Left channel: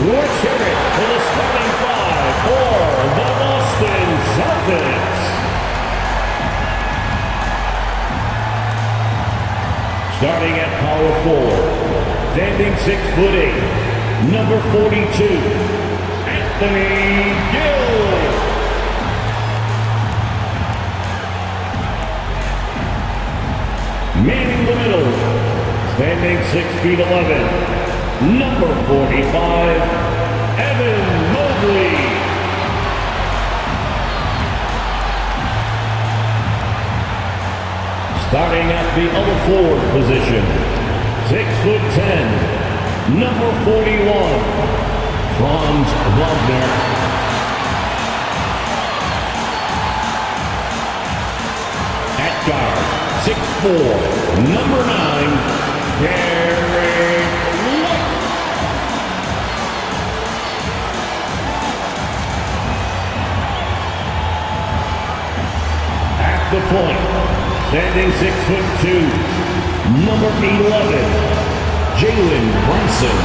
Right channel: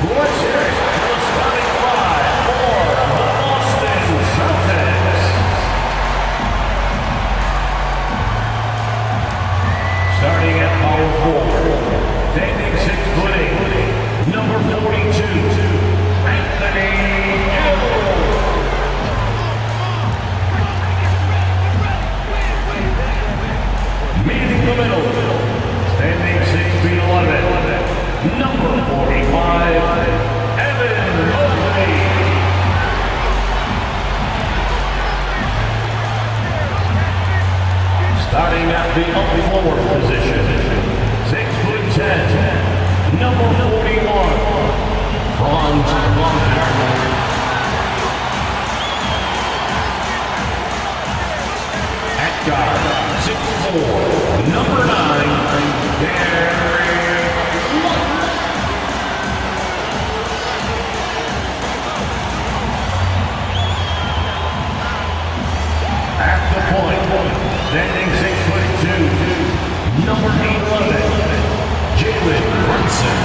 Let's hear it for the starting five for the Boston Celtics. Starting at power forward, standing 6'8", number 42, Anthony Gill. Manning the middle, standing 6'11", number 45, Mobley. Starting at the other forward position, 6'10", number 41, Franz Wagner. At guard, 6'4", number 9, Gary. The point, standing 6'2", number 11, Jalen Brunson.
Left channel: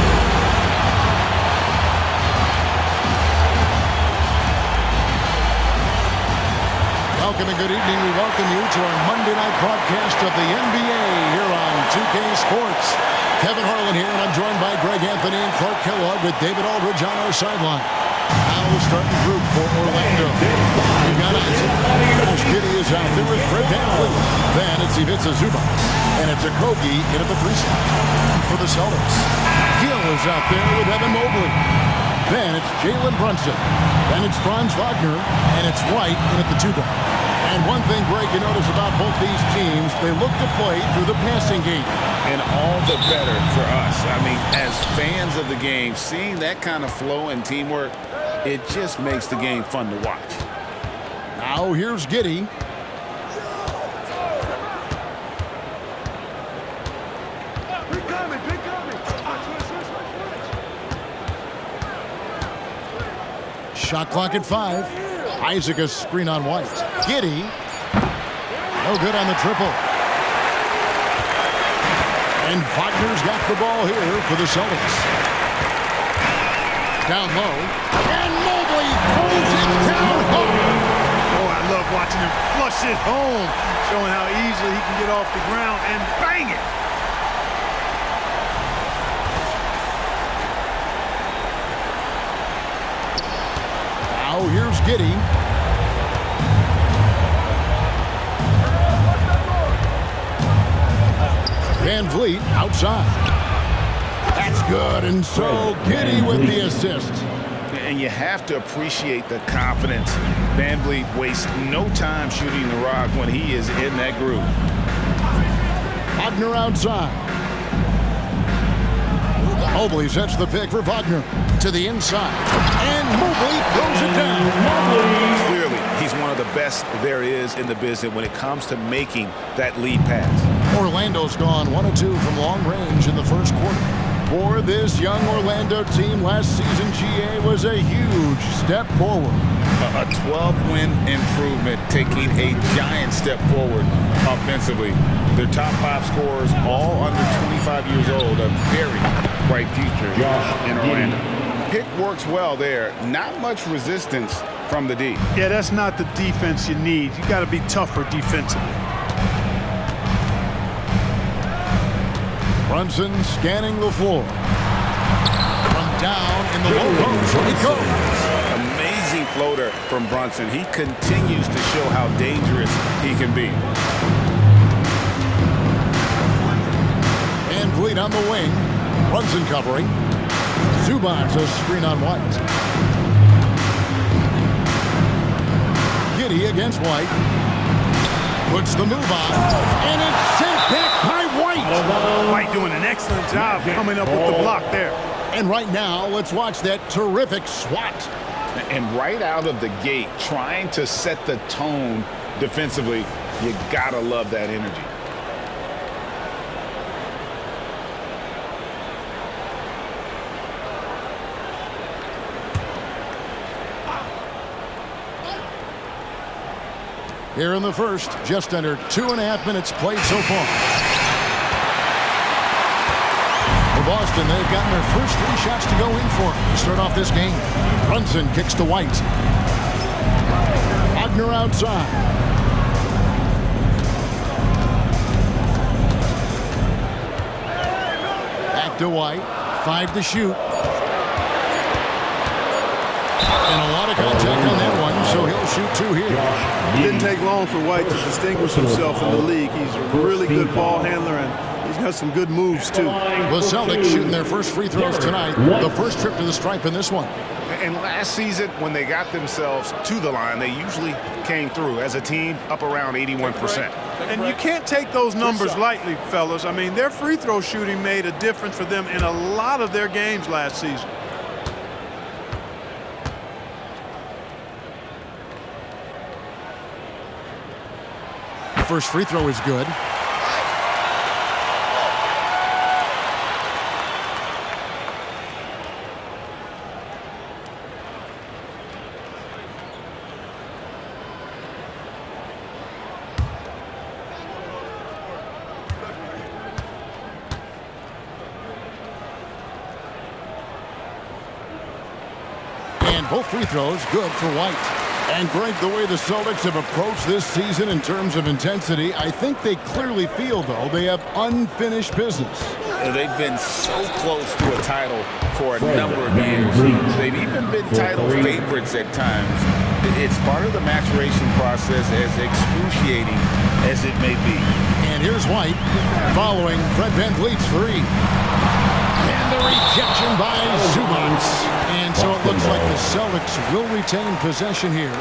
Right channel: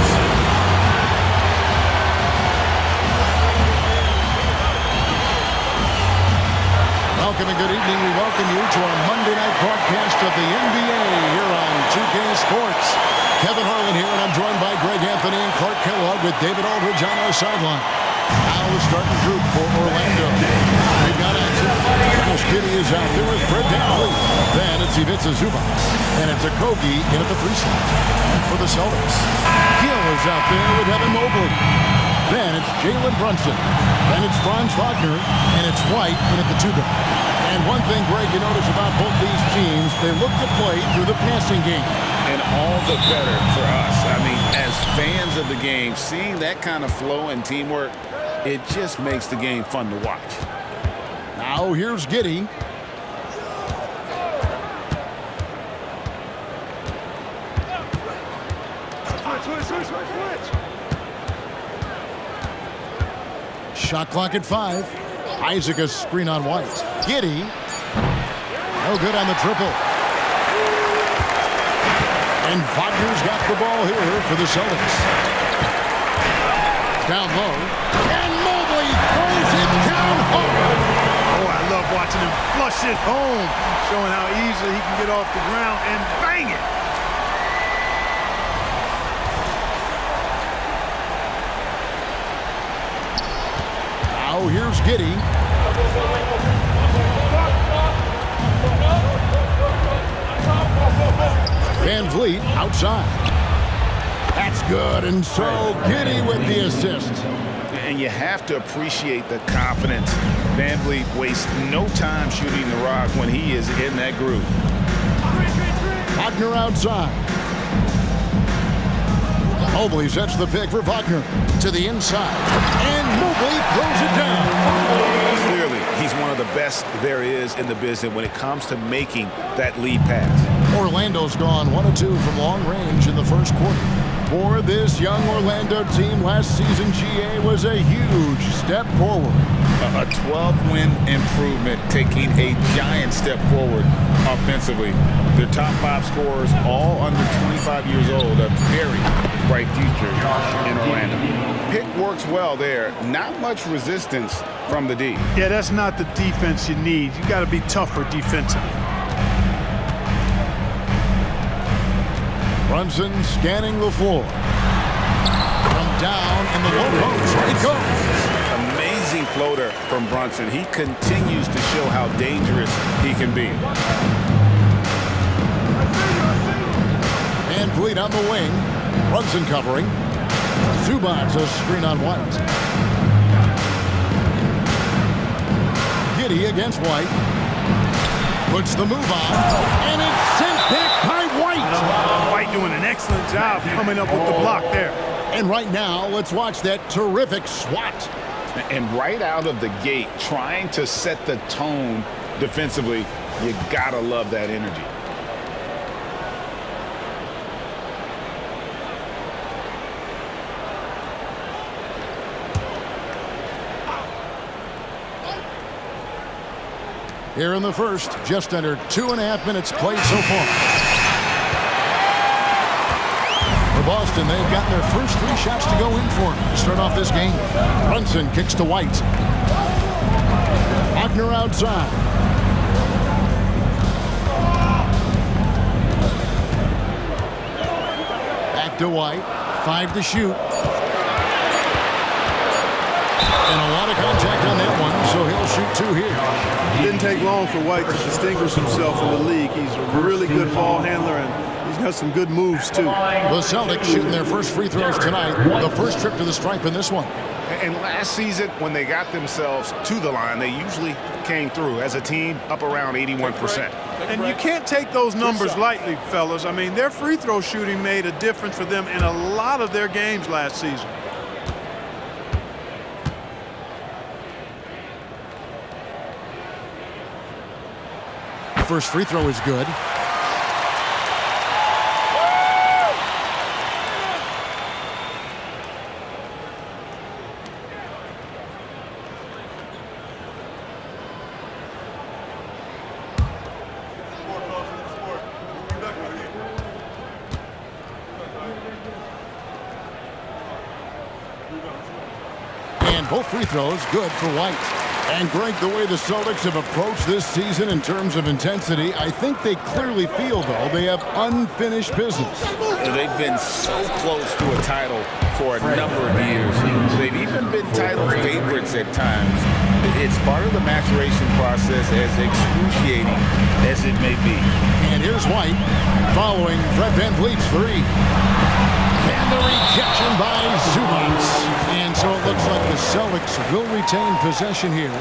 Welcome and good evening. We welcome you to our Monday night broadcast of the NBA here on 2K Sports. Kevin Harlan here, and I'm joined by Greg Anthony and Clark Kellogg with David Aldridge on our sideline. Now the starting group for Orlando. We've got Josh Giddy is out there with Fred VanVleet. Then it's Ivica Zubac. And it's Okogie in at the 3 slot. And for the Celtics, Gill is out there with Evan Mobley. Then it's Jalen Brunson. Then it's Franz Wagner. And it's White in at the 2 guard. And one thing, Greg, you notice about both these teams, they look to play through the passing game. And all the better for us. I mean, as fans of the game, seeing that kind of flow and teamwork, it just makes the game fun to watch. Now here's Giddy. Shot clock at 5. Isaac a screen on White. Giddy. No good on the triple. And Wagner's got the ball here for the Celtics. Down low. And Mobley throws it down hard. Oh, I love watching him flush it home, showing how easily he can get off the ground and bang it. Now here's Giddy. VanVleet outside. That's good, and so Giddy with the assist. And you have to appreciate the confidence. VanVleet wastes no time shooting the rock when he is in that groove. Wagner outside. Mobley sets the pick for Wagner to the inside, and Mobley throws it down. Clearly, he's one of the best there is in the business when it comes to making that lead pass. Orlando's gone 1 of 2 from long range in the first quarter. For this young Orlando team, last season GA was a huge step forward. A 12-win improvement, taking a giant step forward offensively. Their top 5 scorers, all under 25 years old, a very bright future in Orlando. Pick works well there. Not much resistance from the D. Yeah, that's not the defense you need. You got to be tougher defensively. Brunson scanning the floor. From down in the low post, it goes. Amazing floater from Brunson. He continues to show how dangerous he can be. VanVleet on the wing. Brunson covering. Zubac a screen on White. Giddy against White. Puts the move on, and it's sent back by White. White doing an excellent job coming up with the block there. And right now, let's watch that terrific swat. And right out of the gate, trying to set the tone defensively, you gotta love that energy. Here in the first, just under 2.5 minutes played so far. Boston, they've gotten their first 3 shots to go in for them to start off this game. Brunson kicks to White. Wagner outside. Back to White. 5 to shoot. And a lot of contact on that one, so he'll shoot 2 here. It didn't take long for White to distinguish himself in the league. He's a really good ball handler, and he's got some good moves, too. The Celtics shooting their first free throws tonight. The first trip to the stripe in this one. And last season, when they got themselves to the line, they usually came through as a team up around 81%. And you can't take those numbers lightly, fellas. I mean, their free throw shooting made a difference for them in a lot of their games last season. First free throw is good. And both free throws good for White. And Greg, the way the Celtics have approached this season in terms of intensity, I think they clearly feel, though, they have unfinished business. They've been so close to a title for a number of years. They've even been title favorites at times. It's part of the maturation process, as excruciating as it may be. And here's White following Fred VanVleet's 3. And the rejection by Zubac. And so it looks like the Celtics will retain possession here.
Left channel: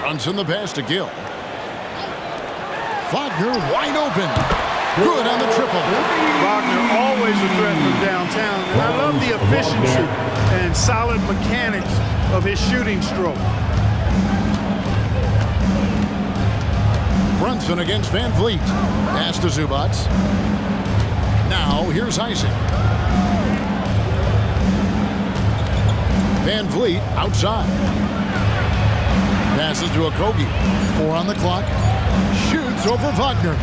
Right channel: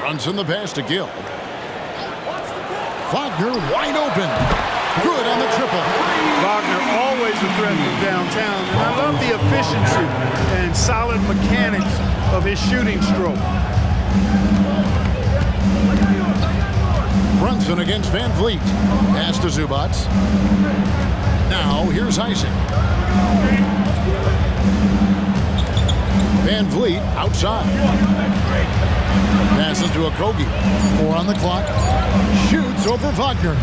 Brunson the pass to Gill. Wagner wide open. Good on the triple. Wagner always a threat from downtown, and I love the efficiency and solid mechanics of his shooting stroke. Brunson against VanVleet. Pass to Zubac. Now here's Isaac. VanVleet outside. Passes to Okogie. 4 on the clock. Shoots over Wagner.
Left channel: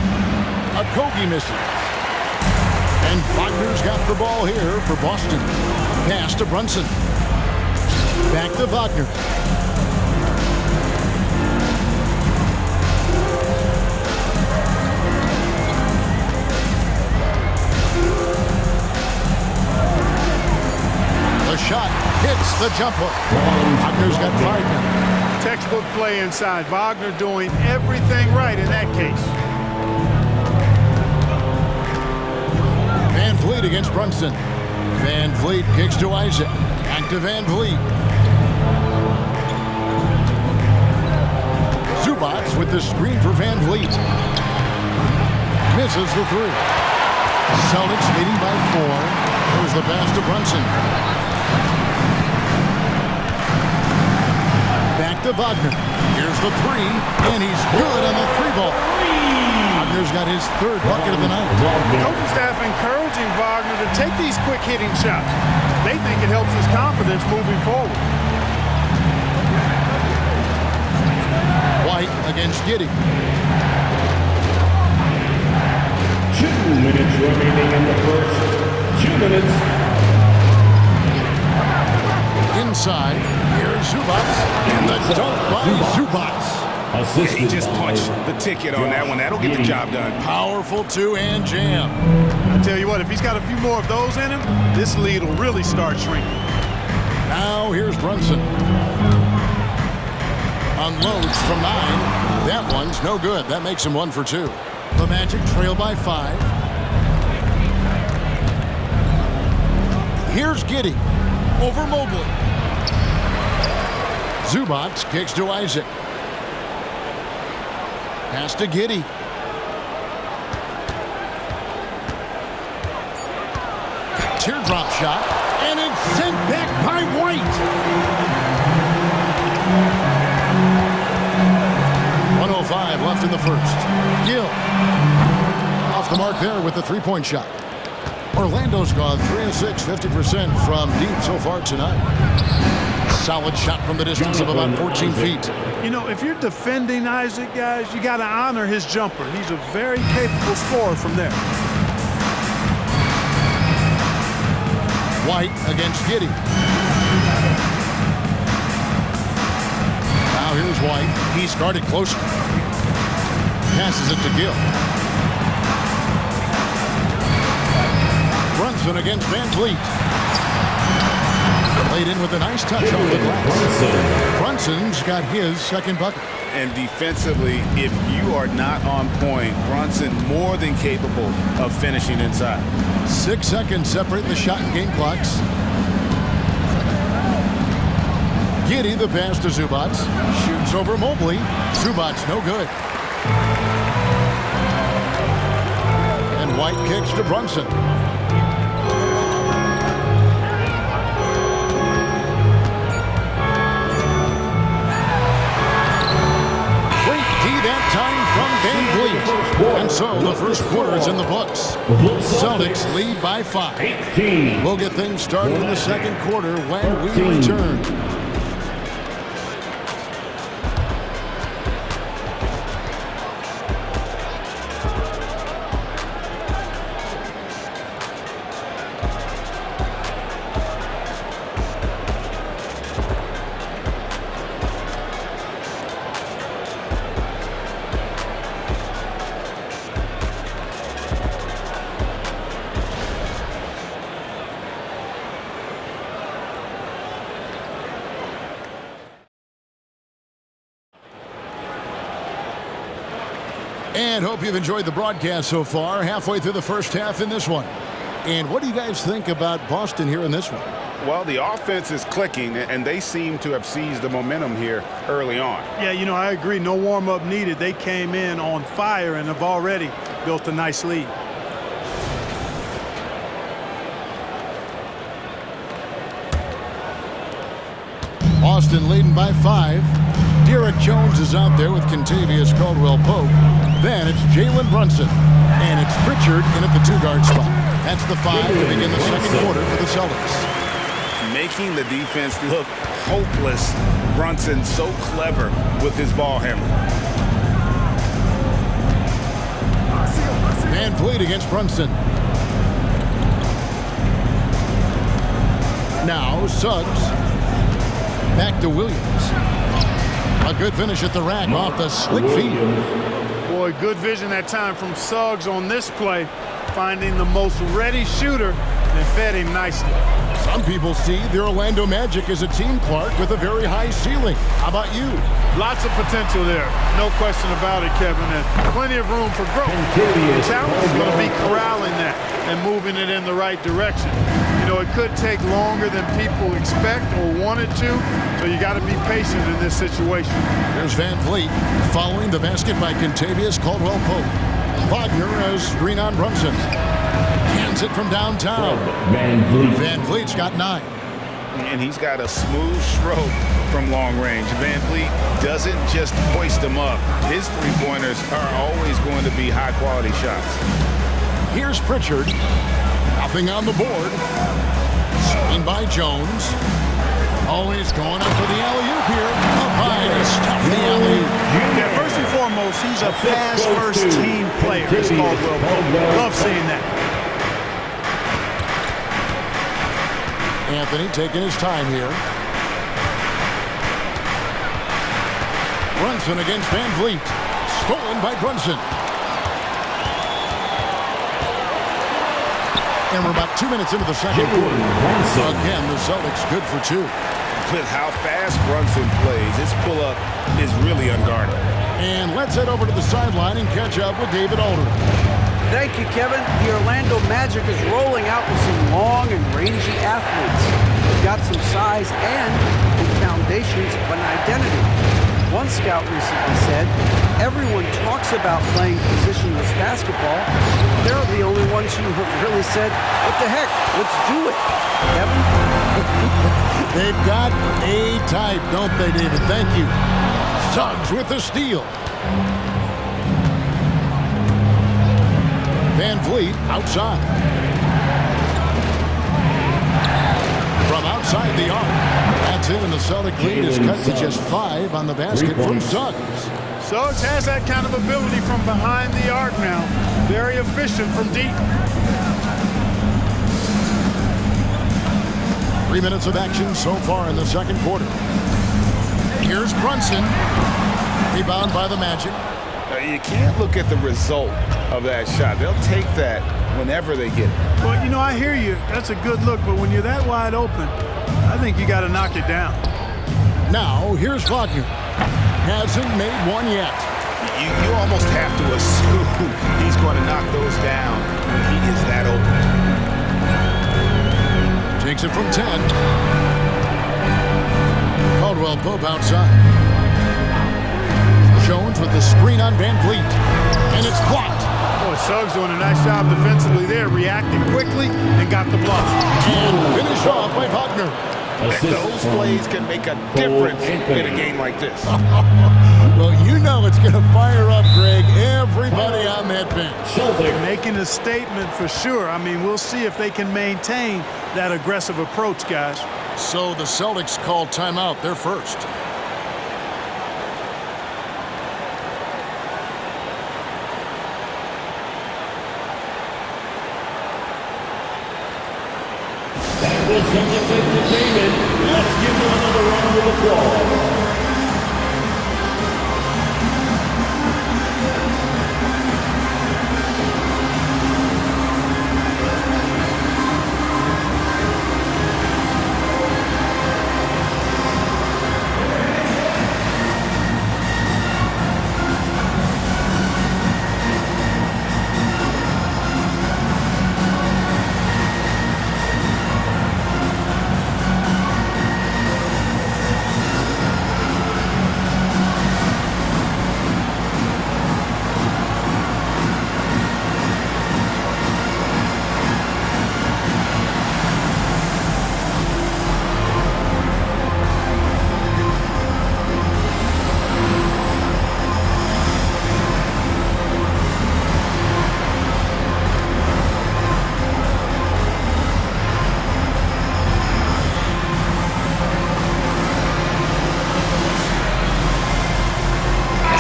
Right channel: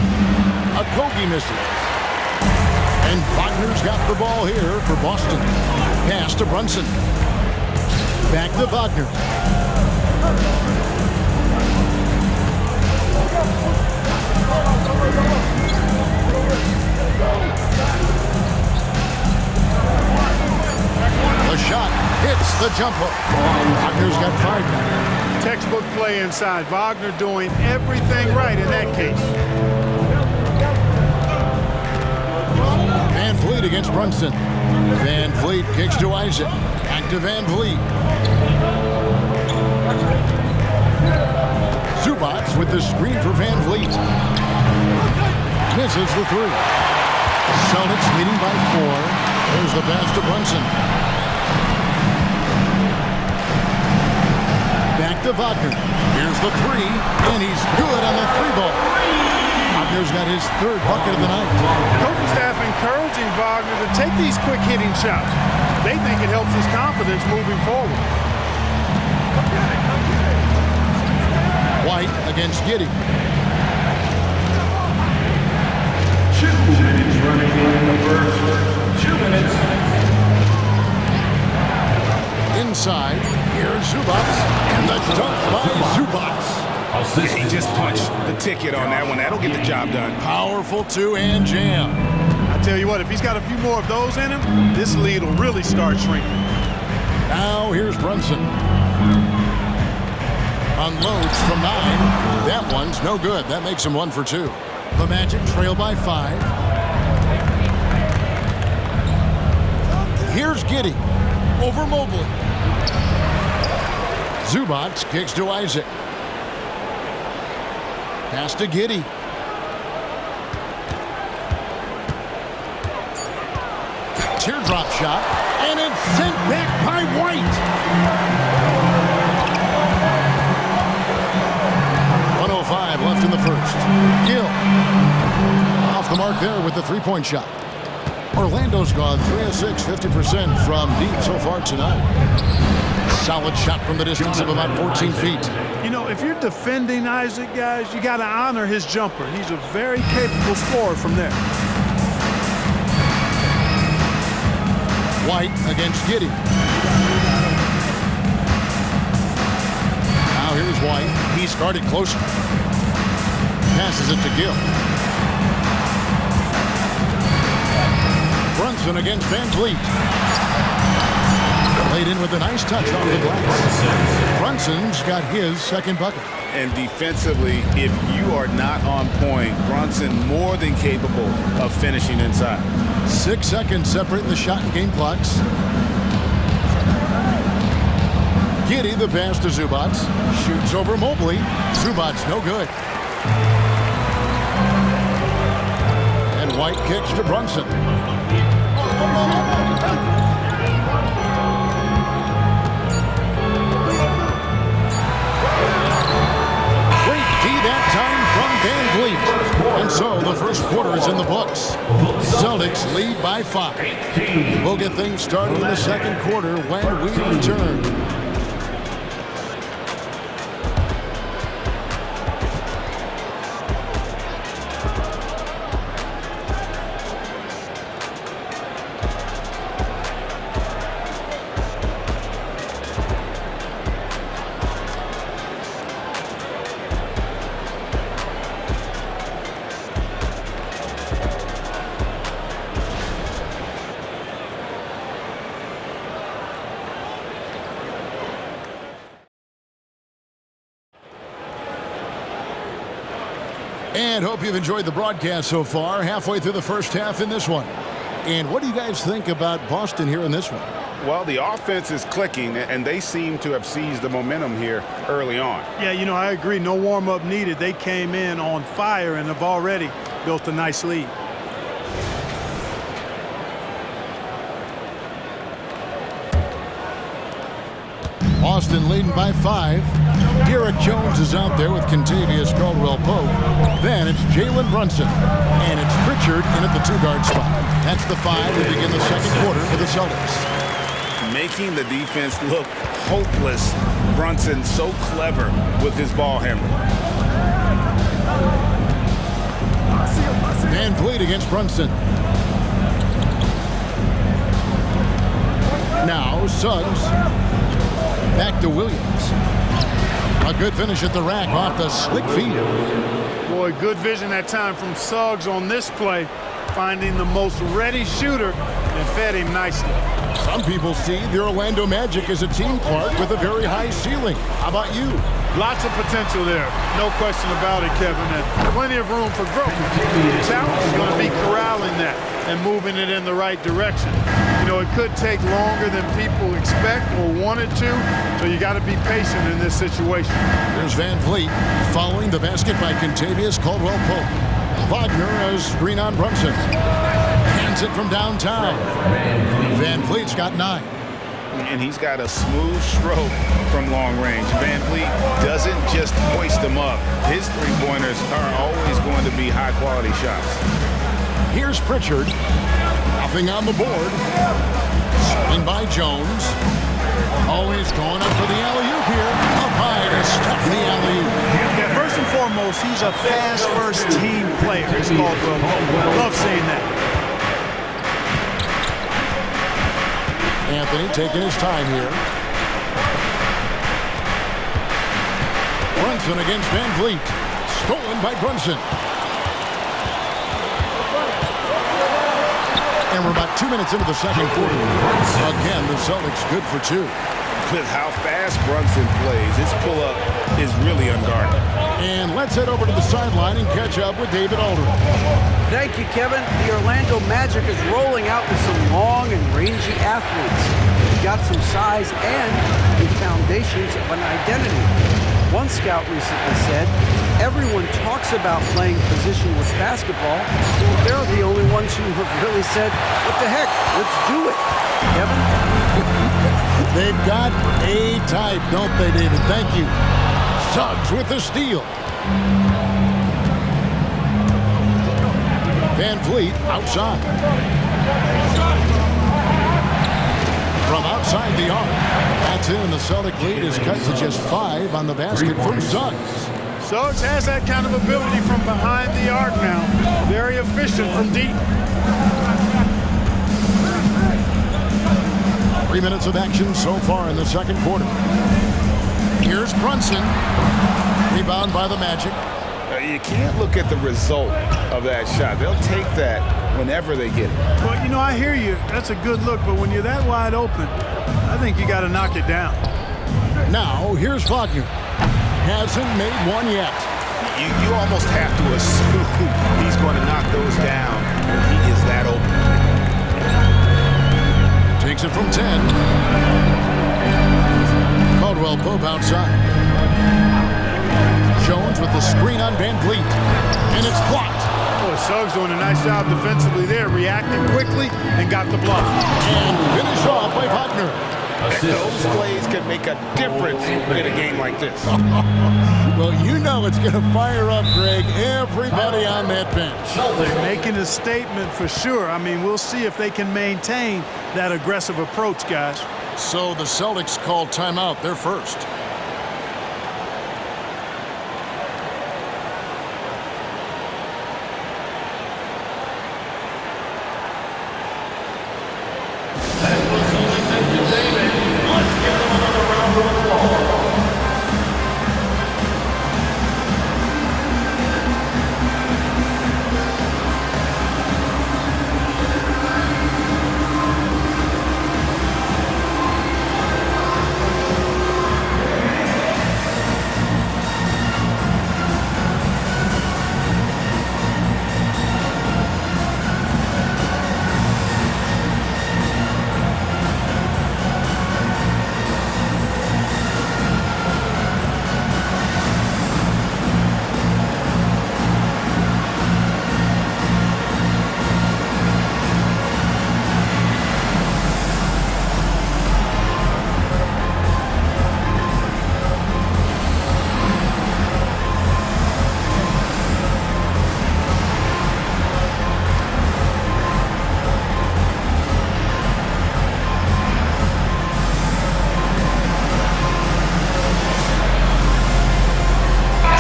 Okogie misses. And Wagner's got the ball here for Boston. Pass to Brunson. Back to Wagner. The shot hits the jump hook. Wagner's got 5 now. Textbook play inside. Wagner doing everything right in that case. VanVleet against Brunson. VanVleet kicks to Isaac. Back to VanVleet. Zubac with the screen for VanVleet. Misses the 3. Celtics leading by 4. There's the pass to Brunson. Back to Wagner. Here's the 3, and he's good on the 3-ball. Wagner's got his 3rd bucket of the night. The coaching staff encouraging Wagner to take these quick hitting shots. They think it helps his confidence moving forward. White against Giddy. 2 minutes remaining in the first. 2 minutes. Inside, here's Zubac, and the dunk by Zubac. He just punched the ticket on that one. That'll get the job done. Powerful 2-hand jam. I tell you what, if he's got a few more of those in him, this lead will really start shrinking. Now here's Brunson. Unloads from 9. That one's no good. That makes him 1 for 2. The Magic trail by 5. Here's Giddy over Mobley. Zubac kicks to Isaac. Pass to Giddy. Teardrop shot, and it's sent back by White. 1:05 left in the first. Gill off the mark there with the 3-point shot. Orlando's gone 3 of 6, 50% from deep so far tonight. Solid shot from the distance of about 14 feet. You know, if you're defending Isaac, guys, you got to honor his jumper. He's a very capable scorer from there. White against Giddy. Now here's White. He's guarded closer. Passes it to Gill. Brunson against Vanlet. Laid in with a nice touch off the glass. Brunson's got his second bucket. And defensively, if you are not on point, Brunson more than capable of finishing inside. 6 seconds separating the shot and game clocks. Giddy the pass to Zubac. Shoots over Mobley. Zubac no good. And White kicks to Brunson. Great D that time from Vanlet. And so the first quarter is in the books. Celtics lead by 5. We'll get things started in the second quarter when we return. And hope you've enjoyed the broadcast so far. Halfway through the first half in this one. And what do you guys think about Boston here in this one? Well, the offense is clicking, and they seem to have seized the momentum here early on. Yeah, you know, I agree. No warm-up needed. They came in on fire and have already built a nice lead. Boston leading by 5. Derek Jones is out there with Kentavious Caldwell-Pope. Then it's Jalen Brunson. And it's Pritchard in at the 2-guard spot. That's the 5 to begin the second quarter for the Celtics. Making the defense look hopeless. Brunson so clever with his ball handling. Vanlet against Brunson. Now Suggs. Back to Williams. A good finish at the rack off the slick feed. Boy, good vision that time from Suggs on this play, finding the most ready shooter and fed him nicely. Some people see the Orlando Magic as a team, Clark, with a very high ceiling. How about you? Lots of potential there. No question about it, Kevin, and plenty of room for growth. The challenge is going to be corralling that and moving it in the right direction. You know, it could take longer than people expect or wanted to, so you got to be patient in this situation. Here's Vanlet following the basket by Kentavious Caldwell-Pope. Wagner has screen on Brunson. Hands it from downtown. Vanvleet's got 9. And he's got a smooth stroke from long range. Vanlet doesn't just hoist them up. His three-pointers are always going to be high-quality shots. Here's Pritchard. Nothing on the board. Screened by Jones. Always going up for the alley-oop here. Up high to stuff the alley-oop. Yeah, first and foremost, he's a pass-first team player, as Caldwell-Pope. Love seeing that. Anthony taking his time here. Brunson against Vanlet. Stolen by Brunson. And we're about 2 minutes into the second quarter. Again, the Celtics good for 2. With how fast Brunson plays, his pull-up is really unguarded. And let's head over to the sideline and catch up with David Aldridge. Thank you, Kevin. The Orlando Magic is rolling out with some long and rangy athletes. They've got some size and the foundations of an identity. One scout recently said, everyone talks about playing positionless basketball. They're the only ones who have really said, what the heck, let's do it. Kevin? They've got a type, don't they, David? Thank you. Suggs with the steal. Vanlet outside. from outside the arc. That's in, and the Celtic lead is cut to just 5 on the basket from Suggs. Suggs has that kind of ability from behind the arc now. Very efficient from deep. 3 minutes of action so far in the second quarter. Here's Brunson. Rebound by the Magic. You can't look at the result of that shot. They'll take that whenever they get it. Well, you know, I hear you. That's a good look, but when you're that wide open, I think you got to knock it down. Now, here's Wagner. Hasn't made one yet. You almost have to assume he's going to knock those down when he is that open. Takes it from 10. Caldwell Pope outside. Jones with the screen on Van Vliet. And it's blocked. Boy, Suggs doing a nice job defensively there, reacting quickly and got the block. And finished off by Wagner. Those plays can make a difference in a game like this. Well, you know it's going to fire up, Greg, everybody on that bench. Making a statement for sure. I mean, we'll see if they can maintain that aggressive approach, guys. So the Celtics called timeout. They're first. That was Celtics entertainment. Let's give them another round of applause.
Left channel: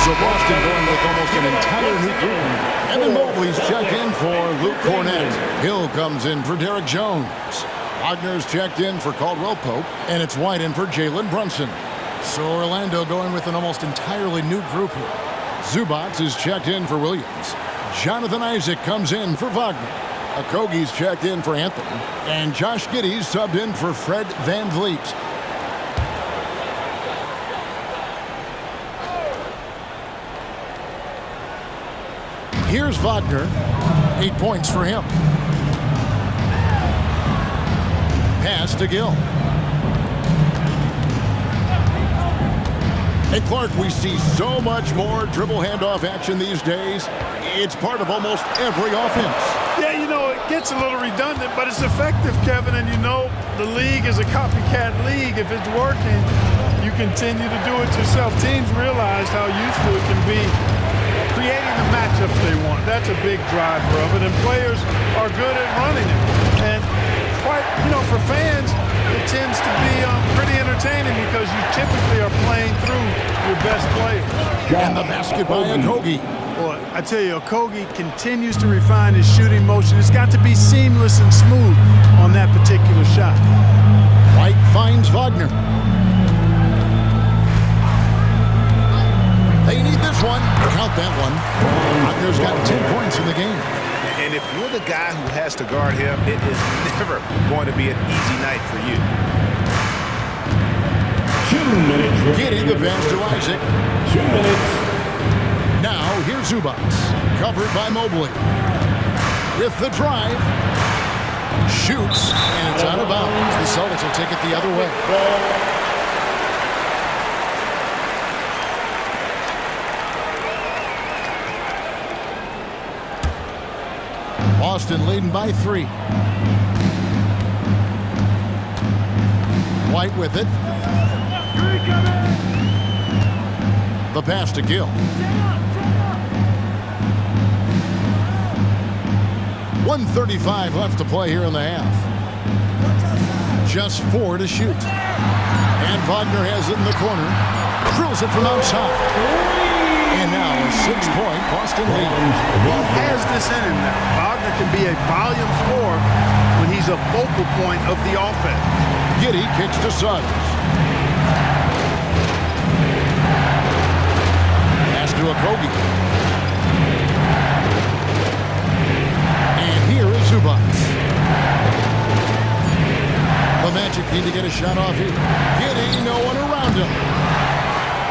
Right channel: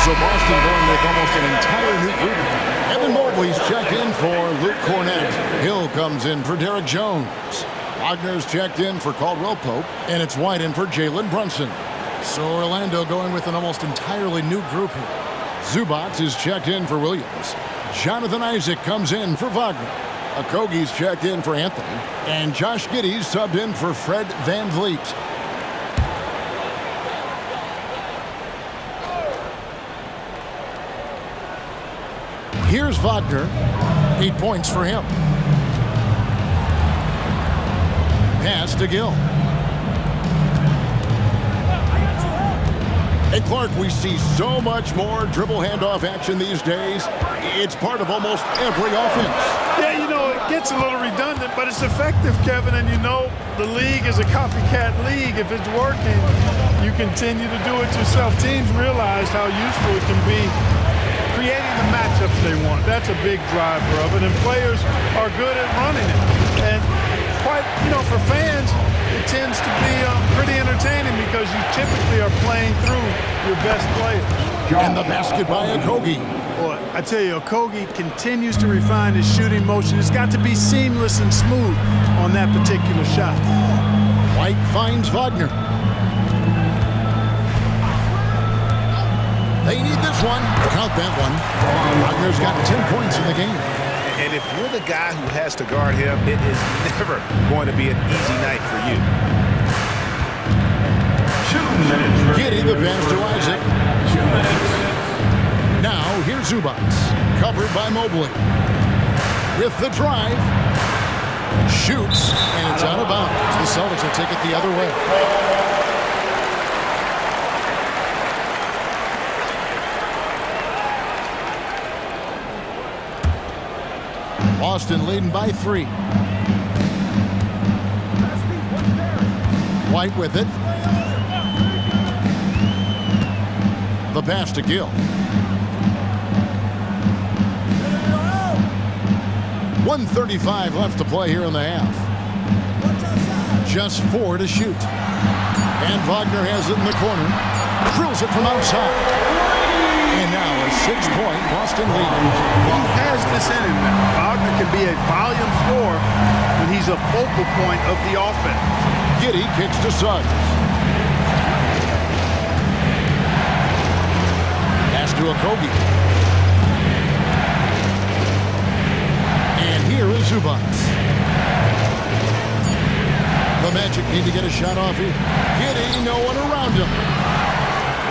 So Boston going with almost an entire new group. Evan Mobley's checked in for Luke Cornett. Hill comes in for Derek Jones. Wagner's checked in for Caldwell Pope. And it's White in for Jalen Brunson. So Orlando going with an almost entirely new group here. Zubats is checked in for Williams. Jonathan Isaac comes in for Wagner. Okogie's checked in for Anthony. And Josh Giddy's subbed in for Fred Van Vliet. Here's Wagner. 8 points for him. Pass to Gill. Hey, Clark, we see so much more dribble handoff action these days. It's part of almost every offense. Yeah, you know, it gets a little redundant, but it's effective, Kevin. And you know, the league is a copycat league. If it's working, you continue to do it yourself. Teams realize how useful it can be creating the matchups they want. That's a big driver of it, and players are good at running it. And quite, you know, for fans, it tends to be pretty entertaining because you typically are playing through your best players. And the basket by Okogie. Boy, I tell you, Okogie continues to refine his shooting motion. It's got to be seamless and smooth on that particular shot. White finds Wagner. They need this one. Count that one. Wagner's got 10 points in the game. And if you're the guy who has to guard him, it is never going to be an easy night for you. 2 minutes. Giddy the pass to Isaac. 2 minutes. Now here's Zubats. Covered by Mobley. With the drive. Shoots. And it's out of bounds. The Celtics will take it the other way. Boston leading by 3. White with it. The pass to Gill. 1:35 left to play here in the half. Just 4 to shoot. And Wagner has it in the corner. Drills it from outside. And now a 6-point Boston lead. He has this in him now. Wagner can be a volume scorer when he's a focal point of the offense. Giddy kicks to Suggs. Pass to Okogie. And here is Zubac. The Magic need to get a shot off here. Giddy, no one around him.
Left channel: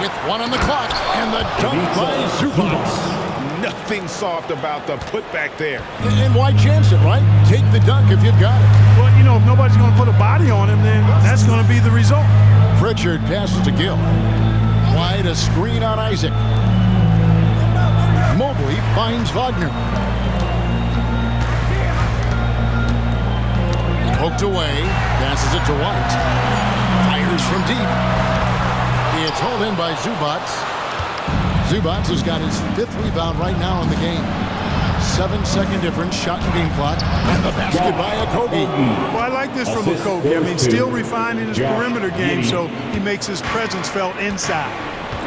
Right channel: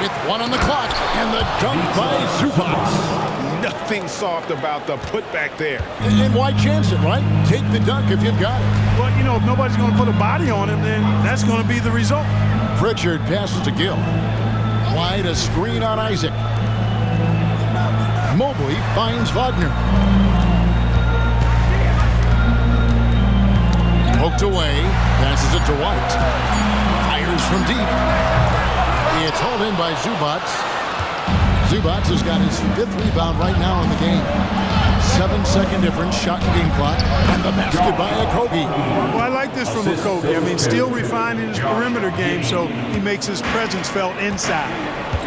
With 1 on the clock, and the dunk by Zubac. Nothing soft about the putback there. And why chance it, right? Take the dunk if you've got it. Well, you know, if nobody's going to put a body on him, then that's going to be the result. Pritchard passes to Gill. Wide, a screen on Isaac. Mobley finds Wagner. Poked away, passes it to White. Fires from deep. It's hauled in by Zubac. Zubac has got his 5th rebound right now in the game. 7-second difference, shot and game clock, and the basket by Okogie. Well, I like this from Okogie. I mean, still refining his perimeter game, so he makes his presence felt inside.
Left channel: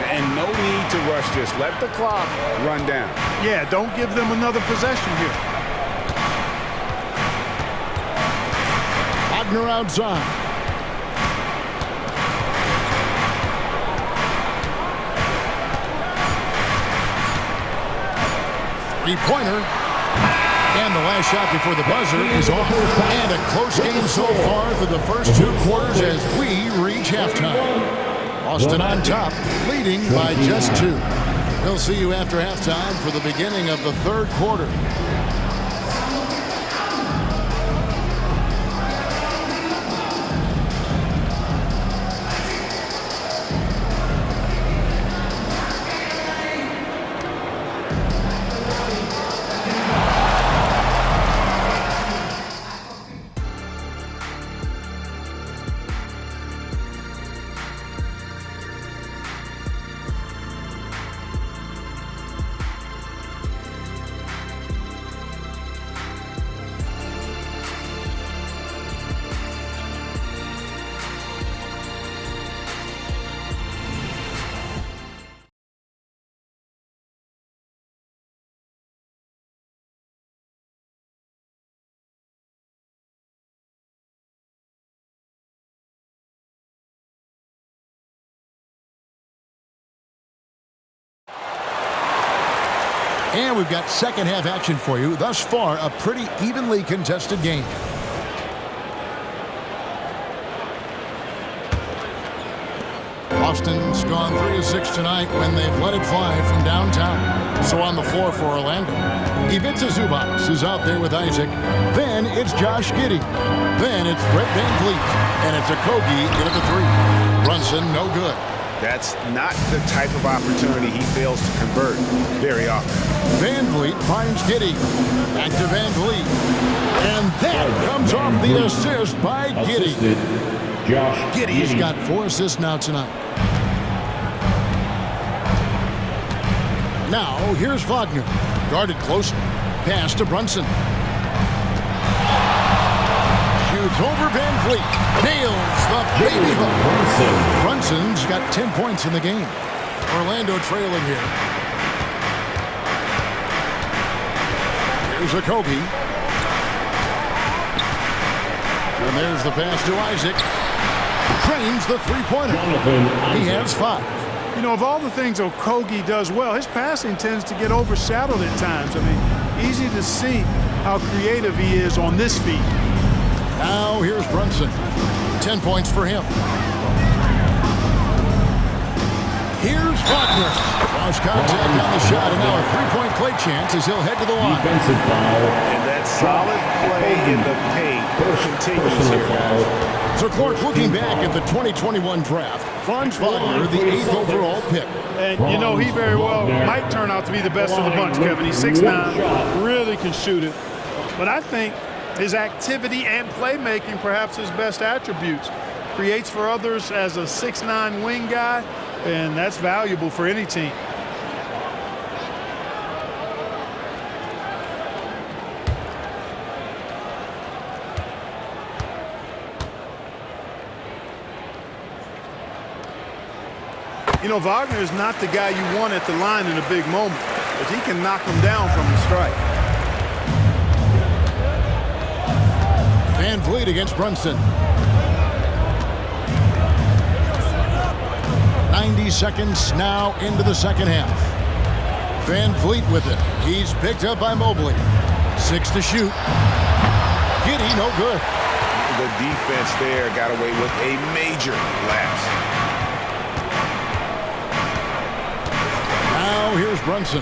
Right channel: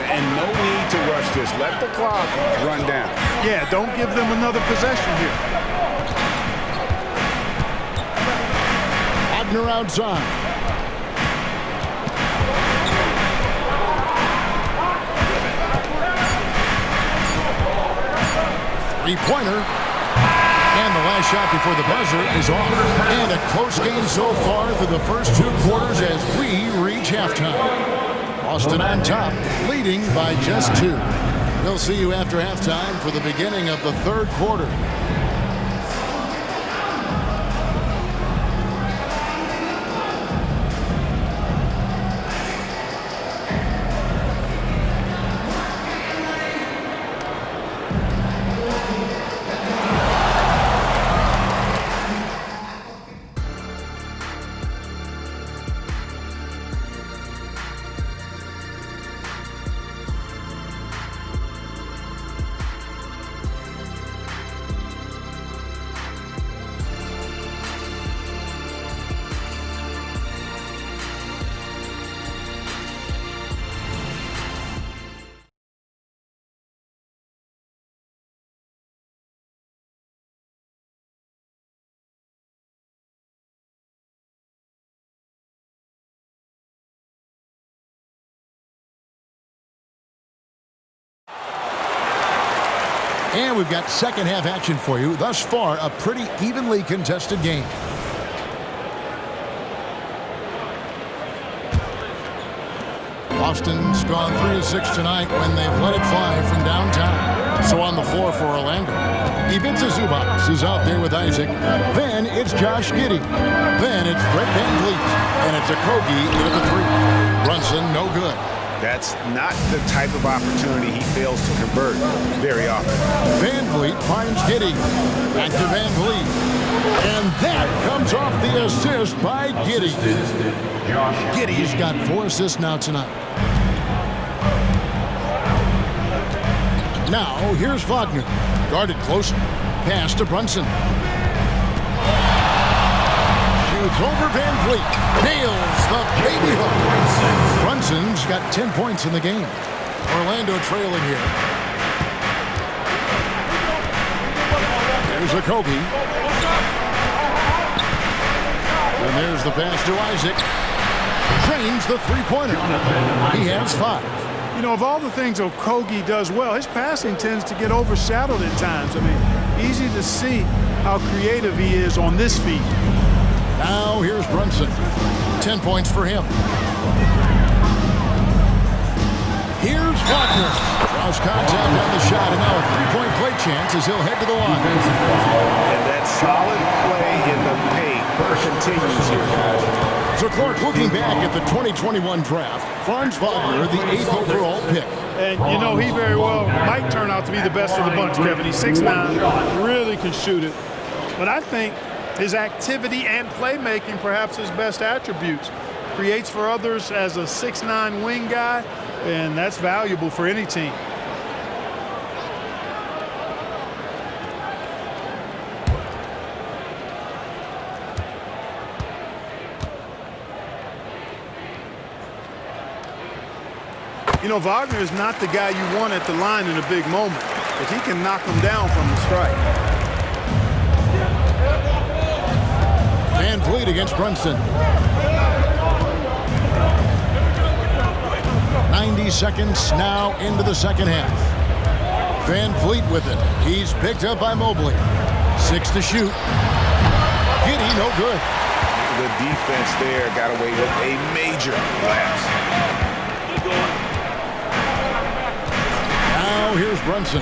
And no need to rush this. Let the clock run down. Yeah, don't give them another possession here. Wagner outside. Three-pointer. And the last shot before the buzzer is off. And a close game so far through the first 2 quarters as we reach halftime. Boston on top, leading by just 2. We'll see you after halftime for the beginning of the 3rd quarter. And we've got second half action for you. Thus far, a pretty evenly contested game. Boston's gone 3 of 6 tonight when they've let it fly from downtown. So on the floor for Orlando, Ivica Zubac is out there with Isaac. Then it's Josh Giddy. Then it's Fred VanVleet. And it's Okogie in at the 3. Brunson, no good. That's not the type of opportunity he fails to convert very often. VanVleet finds Giddy. Back to VanVleet. And that comes off the assist by Giddy. Giddy's got 4 assists now tonight. Now, here's Wagner. Guarded closely. Pass to Brunson. Shoots over VanVleet. Nails the baby hook. Brunson's got 10 points in the game. Orlando trailing here. There's Okogie. And there's the pass to Isaac. Drains the three-pointer. He has 5. You know, of all the things Okogie does well, his passing tends to get overshadowed at times. I mean, easy to see how creative he is on this feed. Now here's Brunson. 10 points for him. Here's Wagner. Draws contact on the shot, and now a three-point play chance as he'll head to the line. And that solid play in the paint continues here, guys. So Clark, looking back at the 2021 draft, Franz Wagner, the 8th overall pick. And, you know, he very well might turn out to be the best of the bunch, Kevin. He's 6'9", really can shoot it. But I think his activity and playmaking, perhaps his best attributes. Creates for others as a 6'9" wing guy, and that's valuable for any team. You know, Wagner is not the guy you want at the line in a big moment, but he can knock them down from the strike. VanVleet against Brunson. 90 seconds now into the second half. VanVleet with it. He's picked up by Mobley. 6 to shoot. Giddy, no good. The defense there got away with a major lapse. Now here's Brunson.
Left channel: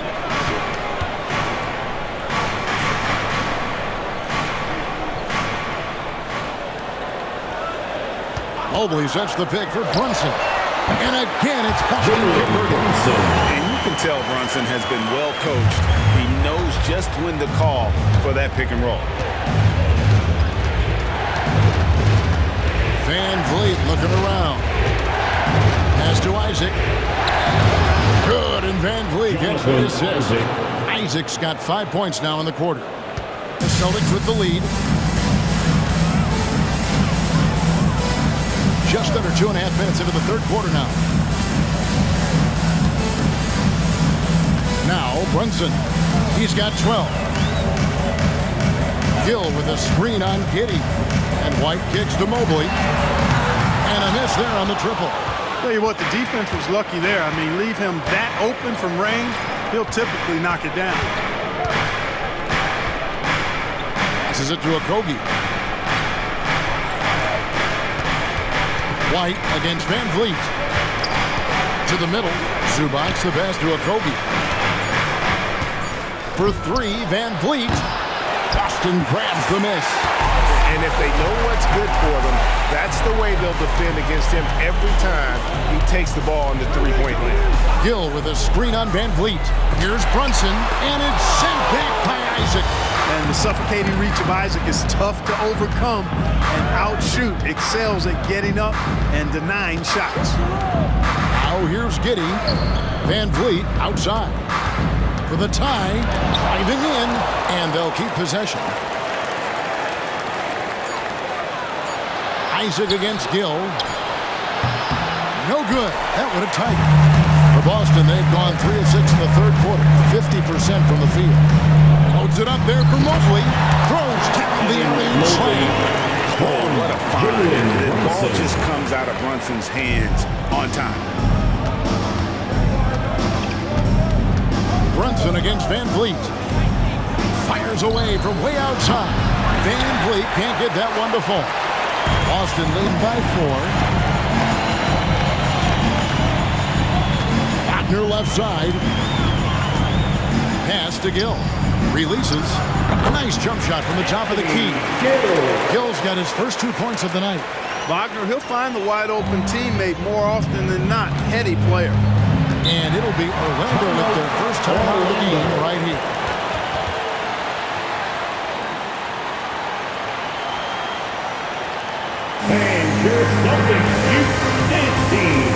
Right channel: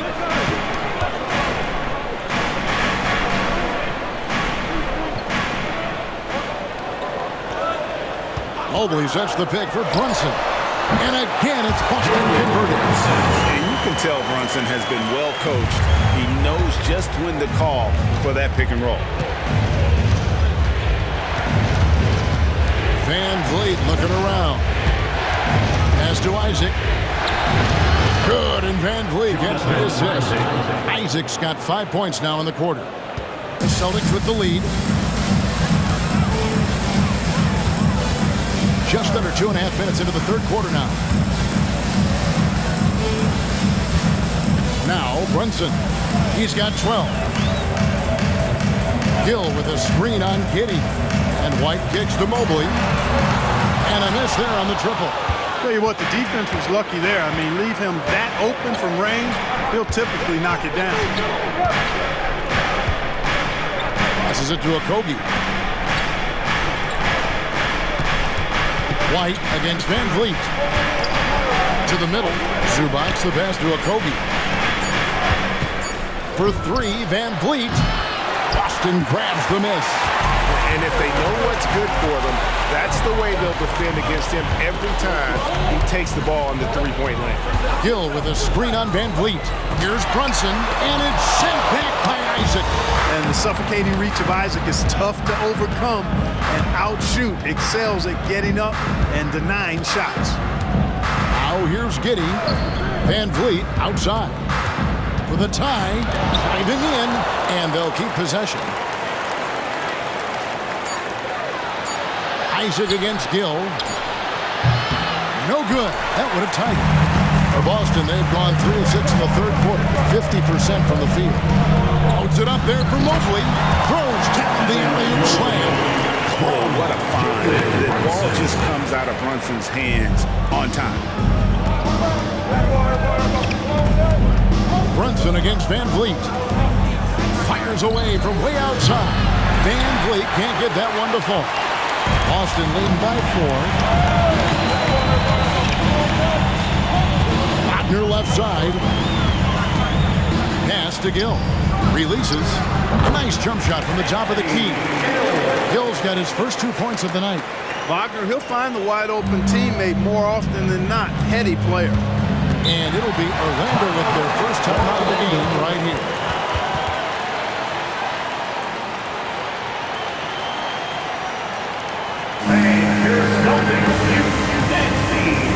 Mobley sets the pick for Brunson. And again, it's Boston converted. And you can tell Brunson has been well coached. He knows just when to call for that pick and roll. VanVleet looking around. Pass to Isaac. Good, and VanVleet gets the assist. Isaac's got 5 points now in the quarter. The Celtics with the lead. Just under 2.5 minutes into the third quarter now. Now Brunson. He's got 12. Gill with a screen on Giddy. And White kicks to Mobley. And a miss there on the triple. Tell you what, the defense was lucky there. I mean, leave him that open from range, he'll typically knock it down. Passes it to Okogie. White against VanVleet. To the middle. Zubac's the pass to Okogie. For 3, VanVleet. Boston grabs the miss. And if they know what's good for them, that's the way they'll defend against him every time he takes the ball in the three-point lane. Gill with a screen on VanVleet. Here's Brunson, and it's sent back by Isaac. And the suffocating reach of Isaac is tough to overcome, and outshoot excels at getting up and denying shots. Now here's Giddy. VanVleet outside. For the tie, driving in, and they'll keep possession. Isaac against Gill. No good. That would have tied it. For Boston, they've gone 3 of 6 in the third quarter. 50% from the field. Loads it up there for Mobley. Throws down the alley-oop slam. Oh, what a find. The ball just comes out of Brunson's hands on time. Brunson against VanVleet. Fires away from way outside. VanVleet can't get that one to fall. Boston leading by 4. Wagner left side. Pass to Gill. Releases. A nice jump shot from the top of the key. Gill's got his first 2 points of the night. Wagner, he'll find the wide open teammate more often than not. Heady player. And it'll be Orlando with their first time out of the game right here. And your Celtics next team.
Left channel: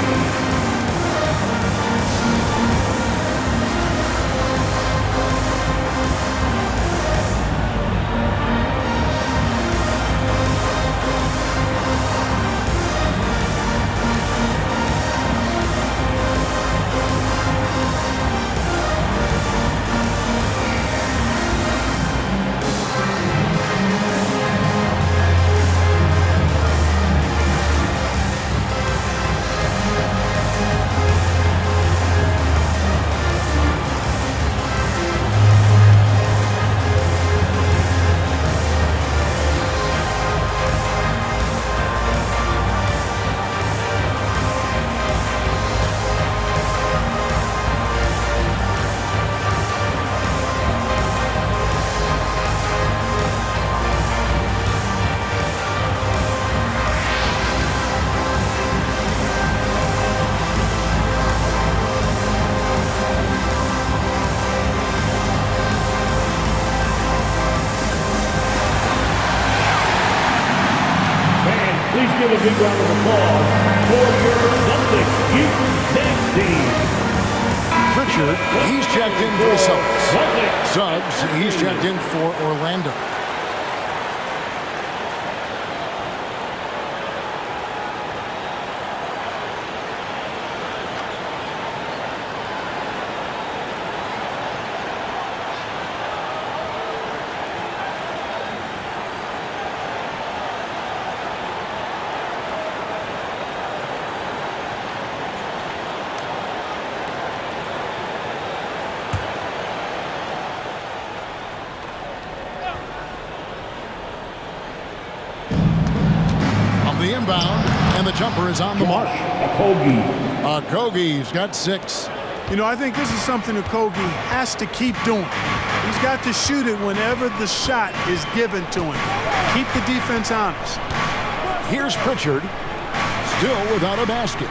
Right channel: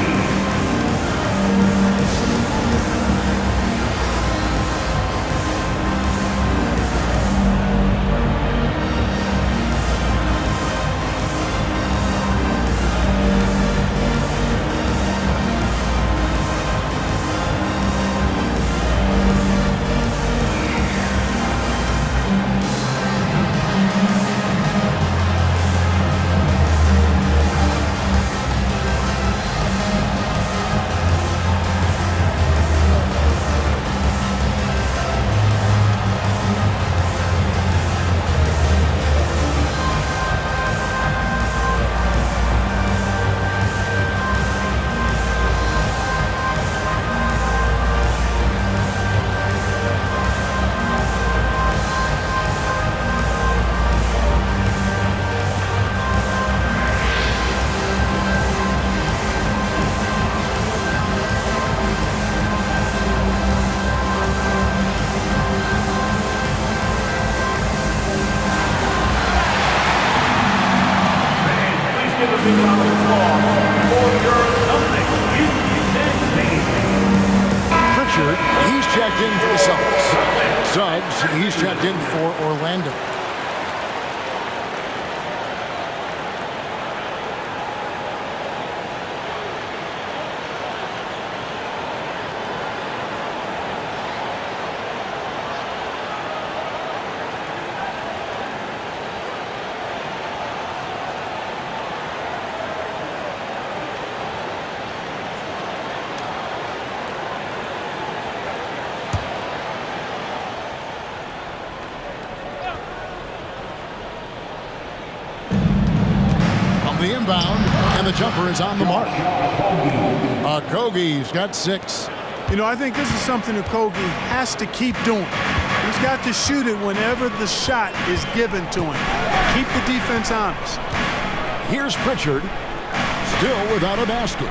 Big round of applause for your Celtics next team. Pritchard, he's checked in for the Celtics. Suggs, he's checked in for Orlando. The inbound, and the jumper is on the mark. Okogie's got 6. You know, I think this is something Okogie has to keep doing. He's got to shoot it whenever the shot is given to him. Keep the defense honest. Here's Pritchard, still without a basket.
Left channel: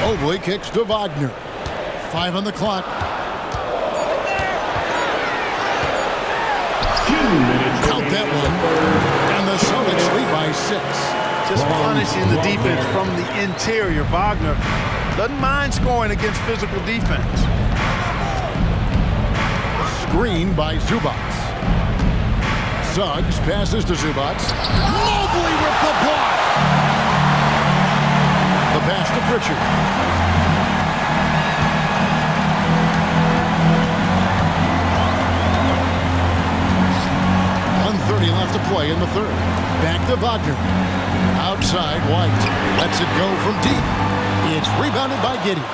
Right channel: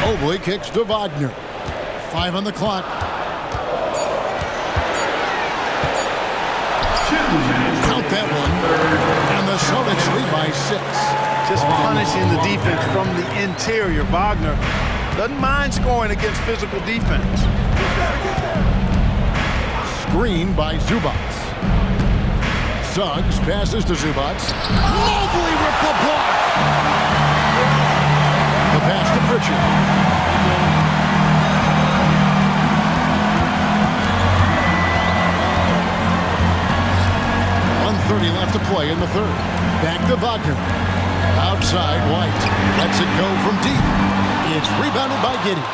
Mobley kicks to Wagner. 5 on the clock. Count that one. And the Celtics lead by 6. Just punishing the defense from the interior. Wagner doesn't mind scoring against physical defense. Screen by Zubats. Suggs passes to Zubats. Mobley with the block. The pass to Pritchard. .130 left to play in the third. Back to Wagner. Outside, White lets it go from deep. It's rebounded by Giddy.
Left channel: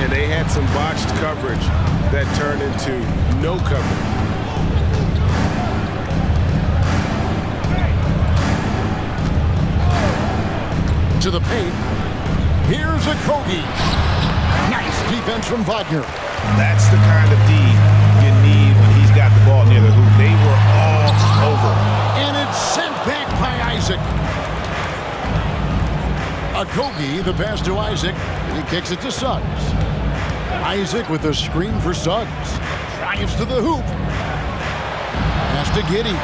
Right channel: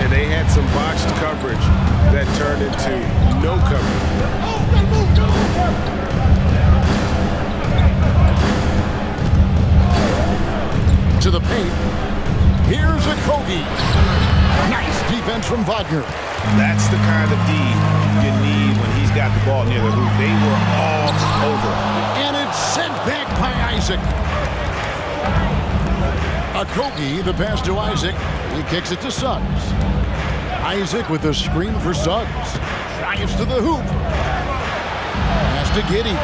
And they had some botched coverage that turned into no coverage. To the paint. Here's Okogie. Nice defense from Wagner. That's the kind of D you need when he's got the ball near the hoop. They were all over. And it's sent back by Isaac. Okogie, the pass to Isaac. He kicks it to Suggs. Isaac with a screen for Suggs. Drives to the hoop. Pass to Giddy.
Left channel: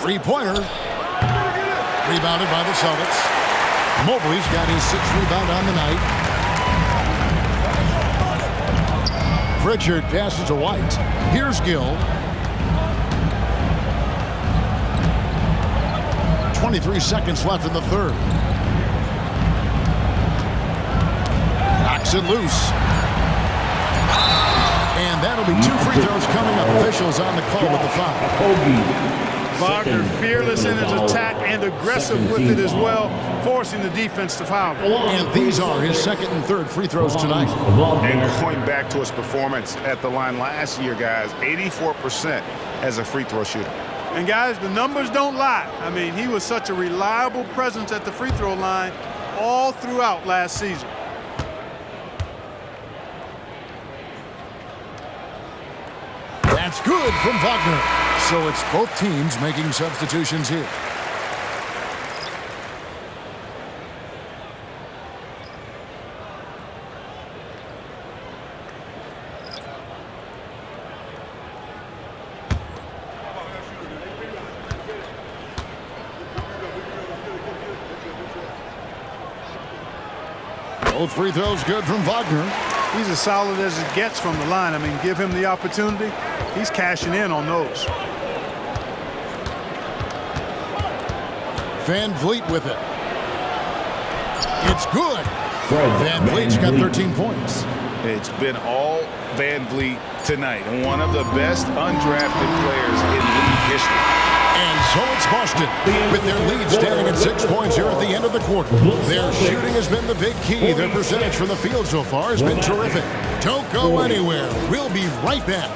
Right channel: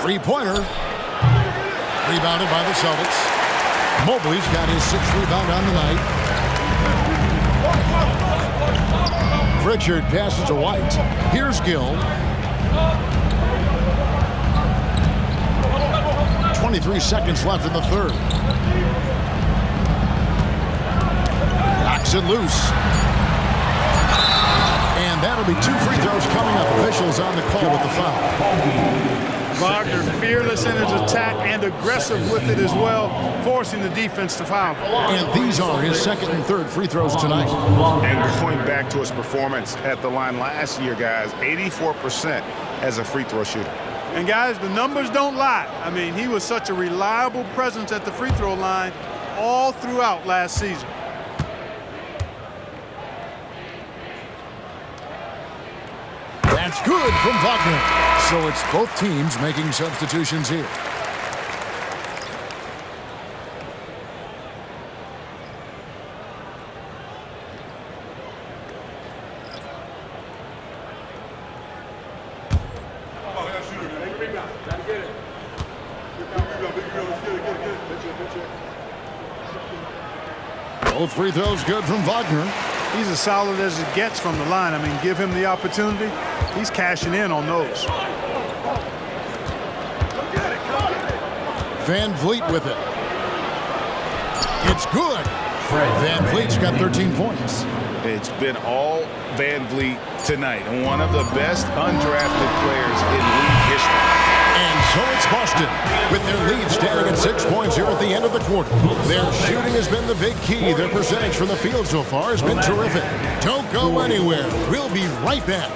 Three-pointer. Rebounded by the Celtics. Mobley's got his 6th rebound on the night. Pritchard passes to White. Here's Gill. 23 seconds left in the third. Knocks it loose. And that'll be 2 free throws coming up. Officials on the call with the foul. Wagner fearless in his attack and aggressive with it as well, forcing the defense to foul. And these are his 2nd and 3rd free throws tonight. And going back to his performance at the line last year, guys, 84% as a free throw shooter. And guys, the numbers don't lie. I mean, he was such a reliable presence at the free throw line all throughout last season. That's good from Wagner. So it's both teams making substitutions here. Both free throws good from Wagner. He's as solid as it gets from the line. I mean, give him the opportunity. He's cashing in on those. Van Vliet with it. It's good. Van Vliet's got 13 points. It's been all Van Vliet tonight. One of the best undrafted players in league history. And so it's Boston, with their lead standing at 6 points here at the end of the quarter. Their shooting has been the big key. Their percentage from the field so far has been terrific. Don't go anywhere. We'll be right back.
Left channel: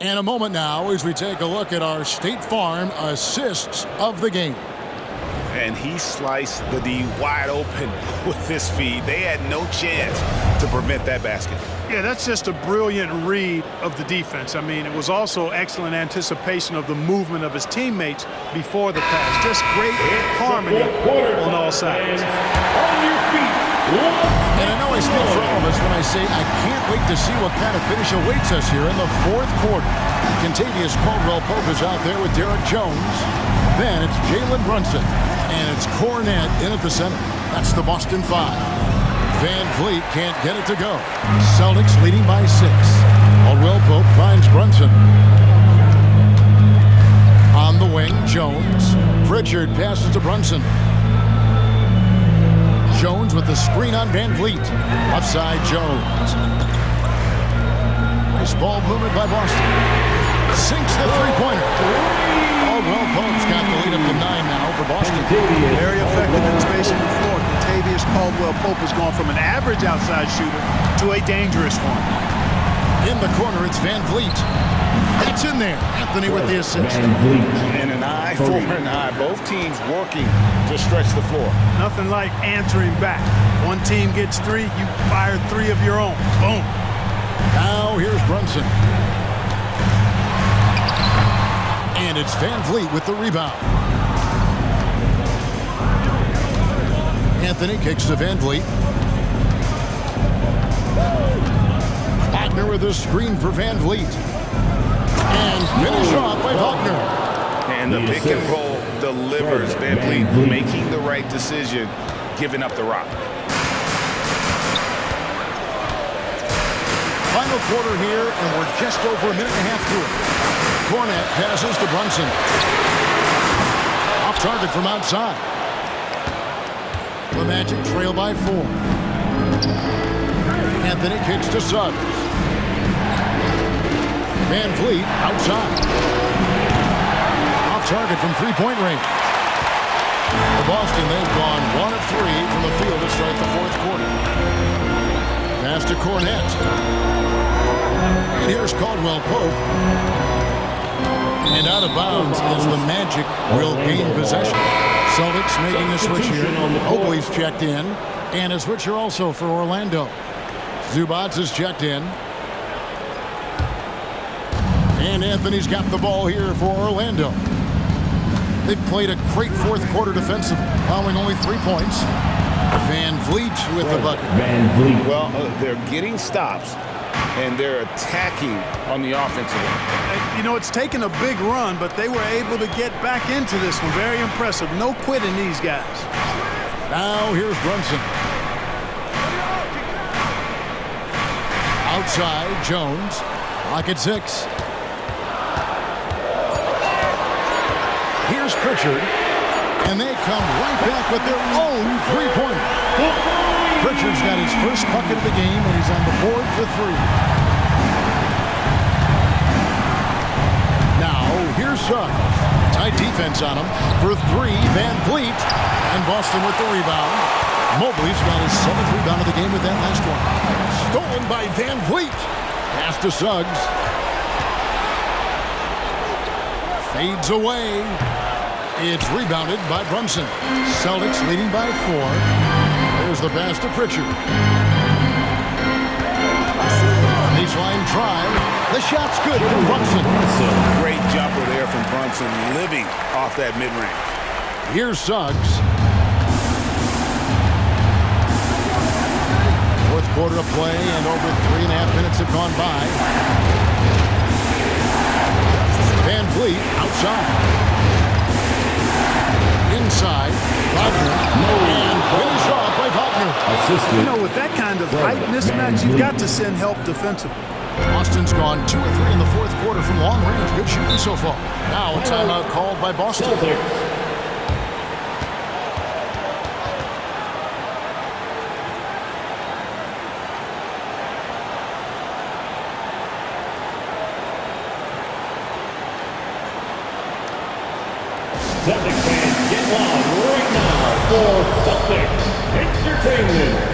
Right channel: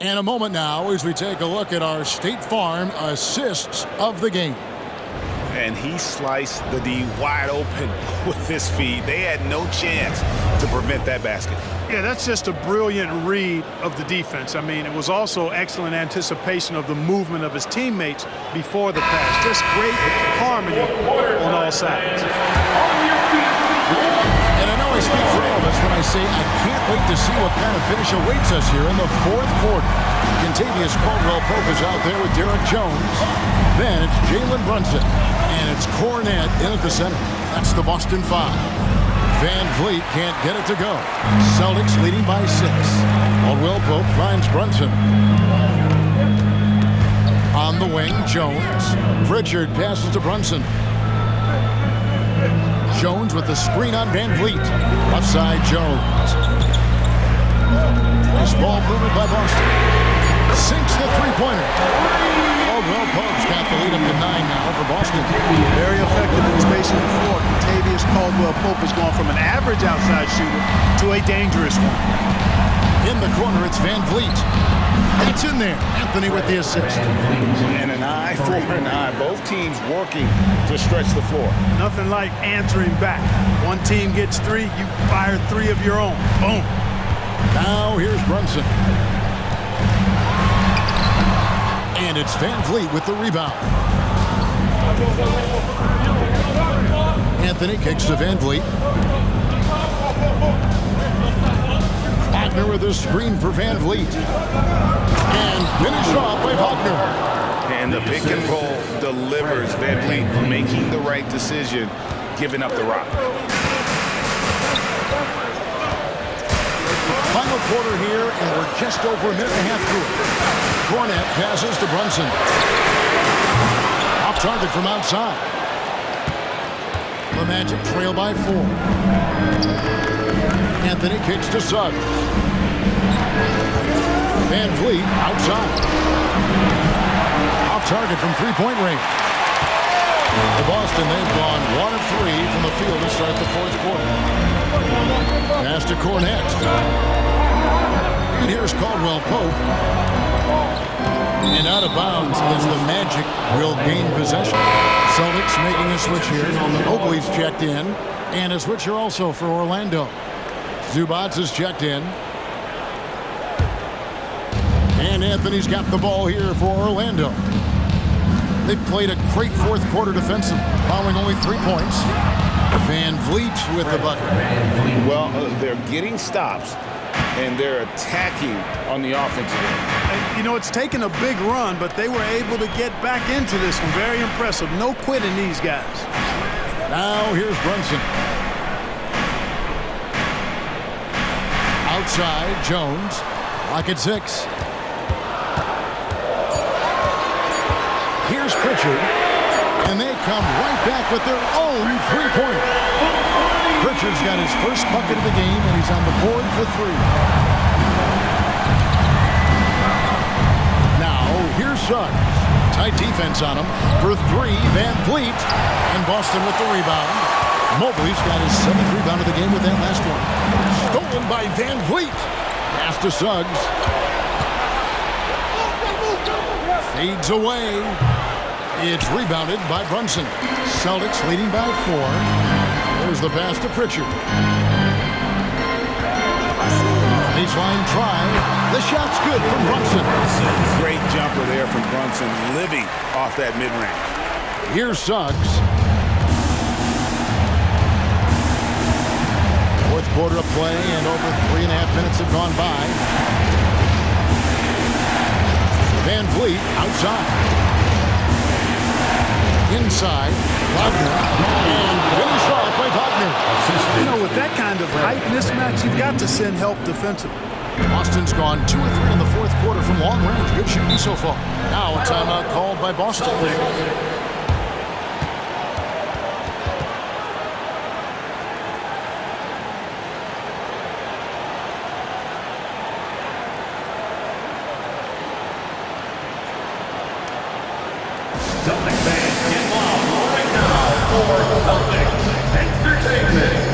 And a moment now as we take a look at our State Farm assists of the game. And he sliced the D wide open with his feed. They had no chance to prevent that basket. Yeah, that's just a brilliant read of the defense. I mean, it was also excellent anticipation of the movement of his teammates before the pass. Just great harmony on all sides. On your feet. And I know I speak for all of us when I say I can't wait to see what kind of finish awaits us here in the fourth quarter. Contavious Caldwell-Pope is out there with Derek Jones. Then it's Jalen Brunson. And it's Cornette in at the center. That's the Boston 5. Van Vliet can't get it to go. Celtics leading by 6. Caldwell Pope finds Brunson. On the wing, Jones. Pritchard passes to Brunson. Jones with the screen on Van Vliet. Left side, Jones. Nice ball movement by Boston. Sinks the three-pointer. Caldwell Pope's got the lead up to 9 now for Boston. Very effective in spacing the floor. Contavious Caldwell Pope has gone from an average outside shooter to a dangerous one. In the corner, it's Van Vliet. That's in there. Anthony with the assist. And an eye for an eye. Both teams working to stretch the floor. Nothing like answering back. One team gets 3, you fire 3 of your own. Boom. Now here's Brunson. And it's Van Vliet with the rebound. Anthony kicks to Van Vliet. Wagner with a screen for Van Vliet. And finish off by Wagner. And the pick and roll delivers. Van Vliet making the right decision, giving up the rock. Final quarter here, and we're just over a minute and a half through it. Cornette passes to Brunson. Off target from outside. The Magic trail by 4. Anthony kicks to Suggs. Van Vliet outside. Off target from three-point range. For Boston, they've gone 1 of 3 from the field to start the fourth quarter. Pass to Cornette. And here's Caldwell Pope. And out of bounds as the Magic will gain possession. Celtics making a switch here. Mobley's checked in. And a switcher also for Orlando. Zubats is checked in. And Anthony's got the ball here for Orlando. They've played a great fourth quarter defensive, allowing only 3 points. Van Vliet with the bucket. Well, they're getting stops, and they're attacking on the offensive end. You know, it's taken a big run, but they were able to get back into this one. Very impressive. No quitting these guys. Now here's Brunson. Outside, Jones. Clock at 6. Here's Pritchard. And they come right back with their own three-pointer. Pritchard's got his first bucket of the game, and he's on the board for 3. Now, here's Suggs. Tight defense on him. For 3, Van Vliet. And Boston with the rebound. Mobley's got his 7th rebound of the game with that last one. Stolen by Van Vliet. Pass to Suggs. Fades away. It's rebounded by Brunson. Celtics leading by 4. There's the pass to Pritchard. Baseline drive. The shot's good from Brunson. Great jumper there from Brunson, living off that mid-range. Here's Suggs. Fourth quarter of play, and over 3.5 minutes have gone by. Van Vliet outside. Inside, Wagner, and finish off by Wagner. You know, with that kind of height mismatch, you've got to send help defensively. Boston's gone 2 of 3 in the fourth quarter from long range. Good shooting so far. Now a timeout called by Boston. Celtics fans, get wild right now for Celtics Entertainment.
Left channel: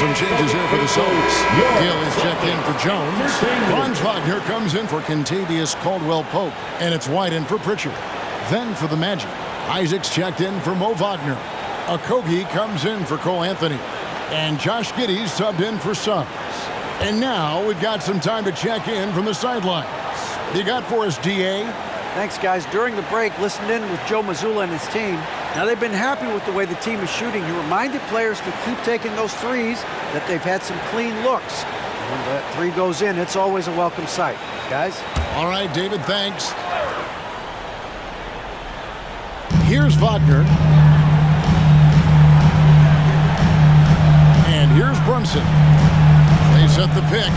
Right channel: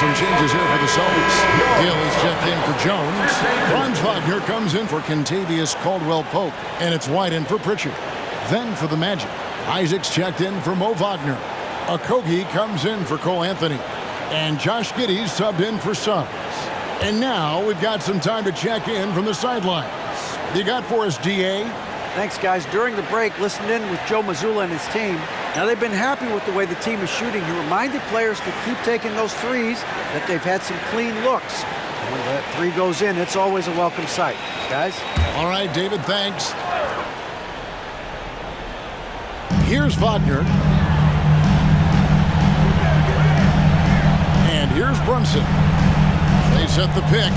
some changes here for the Celtics. Gill is checked in for Jones. Franz Wagner comes in for Kentavious Caldwell-Pope. And it's White in for Pritchard. Then for the Magic, Isaac's checked in for Mo Wagner. Okogie comes in for Cole Anthony. And Josh Giddy's subbed in for Suggs. And now we've got some time to check in from the sidelines. You got for us, D.A.? Thanks, guys. During the break, listened in with Joe Mazzulla and his team. Now, they've been happy with the way the team is shooting. He reminded players to keep taking those threes, that they've had some clean looks. And when that three goes in, it's always a welcome sight. Guys? All right, David, thanks. Here's Wagner. And here's Brunson. They set the pick.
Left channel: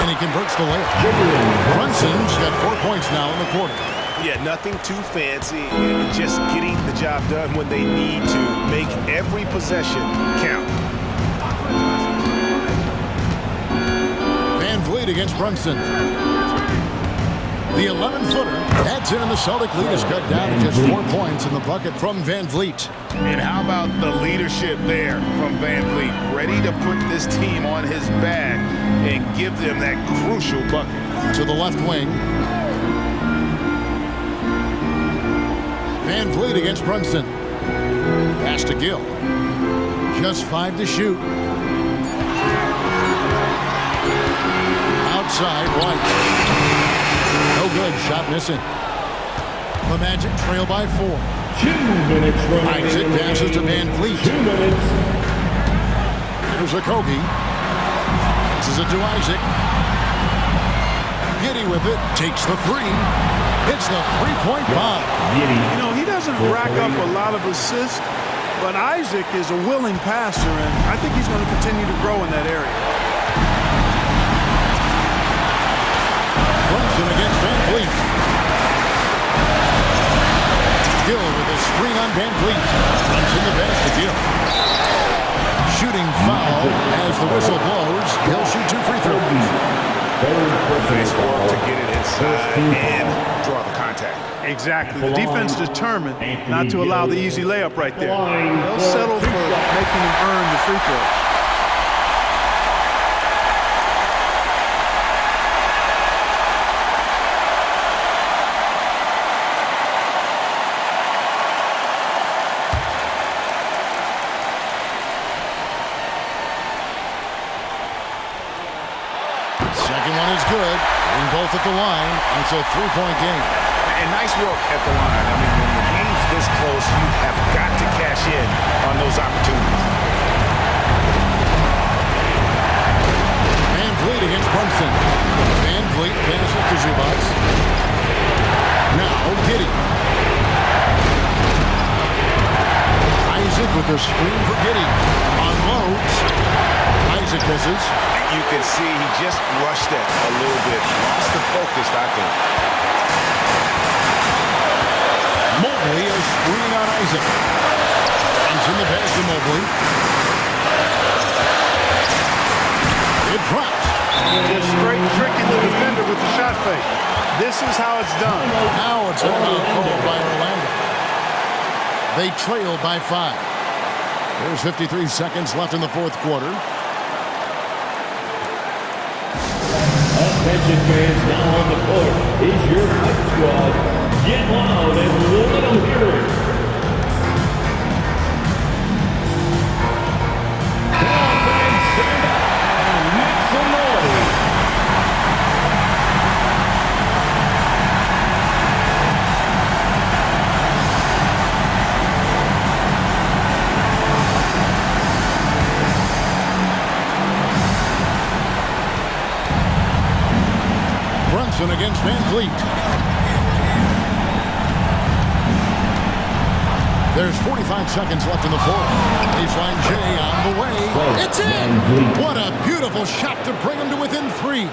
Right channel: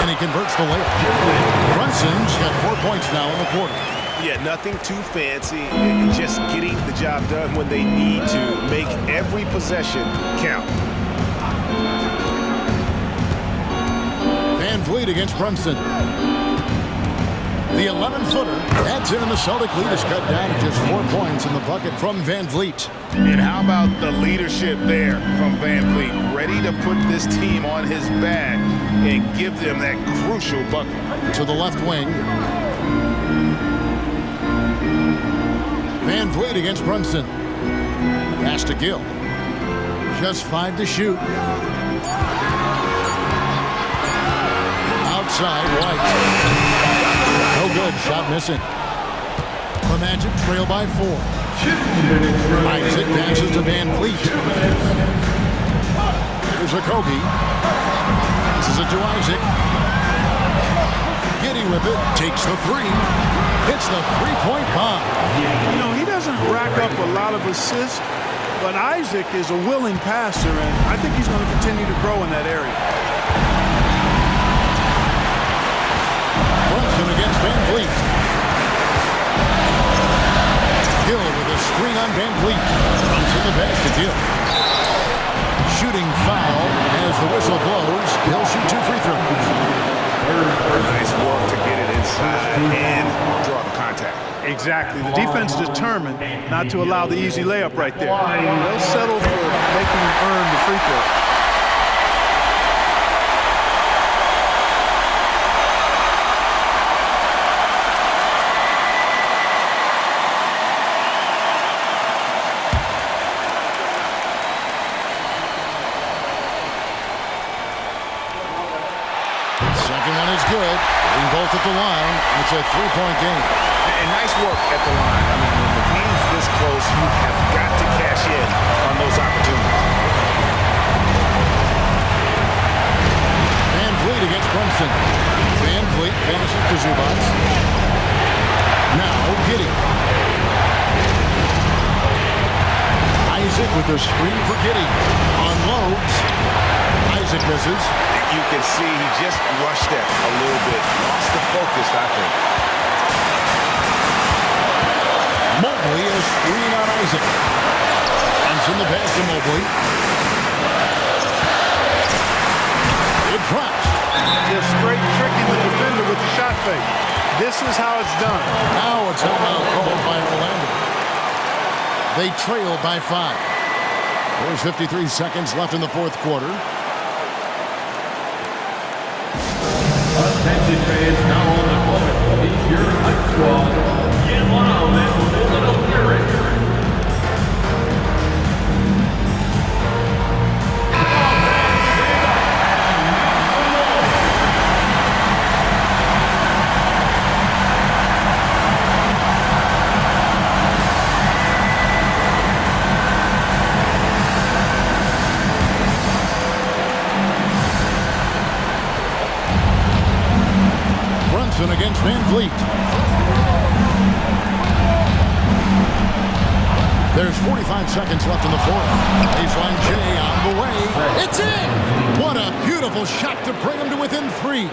And he converts the layup. Brunson's got 4 points now in the quarter. Yeah, nothing too fancy. Just getting the job done when they need to. Make every possession count. VanVleet against Brunson. The 11-footer adds in, and the Celtic lead is cut down to just 4 points in the bucket from VanVleet. And how about the leadership there from VanVleet? Ready to put this team on his back and give them that crucial bucket. To the left wing. VanVleet against Brunson. Pass to Gill. Just 5 to shoot. Outside, White. No good. Shot missing. The Magic trail by 4. 2 minutes remaining. Isaac passes to VanVleet. 2 minutes. Here's Okogie. This is it to Isaac. Giddy with it. Takes the three. Hits the three-point bomb. You know, he doesn't rack up a lot of assists, but Isaac is a willing passer, and I think he's going to continue to grow in that area. Brunson against VanVleet. Gill with a screen on VanVleet. Brunson the pass to Gill. Shooting foul as the whistle blows. He'll shoot 2 free throws. Nice work to get it inside and draw the contact. Exactly. The defense determined not to allow the easy layup right there. They'll settle for making him earn the free throw. Second one is good. Getting both at the line. It's a 3-point game. And nice work at the line. I mean, when the game's this close, you have got to cash in on those opportunities. VanVleet against Brunson. VanVleet passes to Zubac. Now Giddy. Isaac with a screen for Giddy. Unloads. Isaac misses. You can see he just rushed that a little bit. Lost the focus, I think. Mobley, a screen on Isaac. Brunson the pass to Mobley. It drops. Just straight tricking the defender with the shot fake. This is how it's done. Now a timeout called by Orlando. They trail by 5. There's 53 seconds left in the fourth quarter. Attention fans, now on the court is your hype squad. Get loud and let them hear it. Come on, fans, stand up and make some noise. Brunson against VanVleet. There's 45 seconds left in the fourth. Baseline J on the way. It's in! What a beautiful shot to bring him to within 3.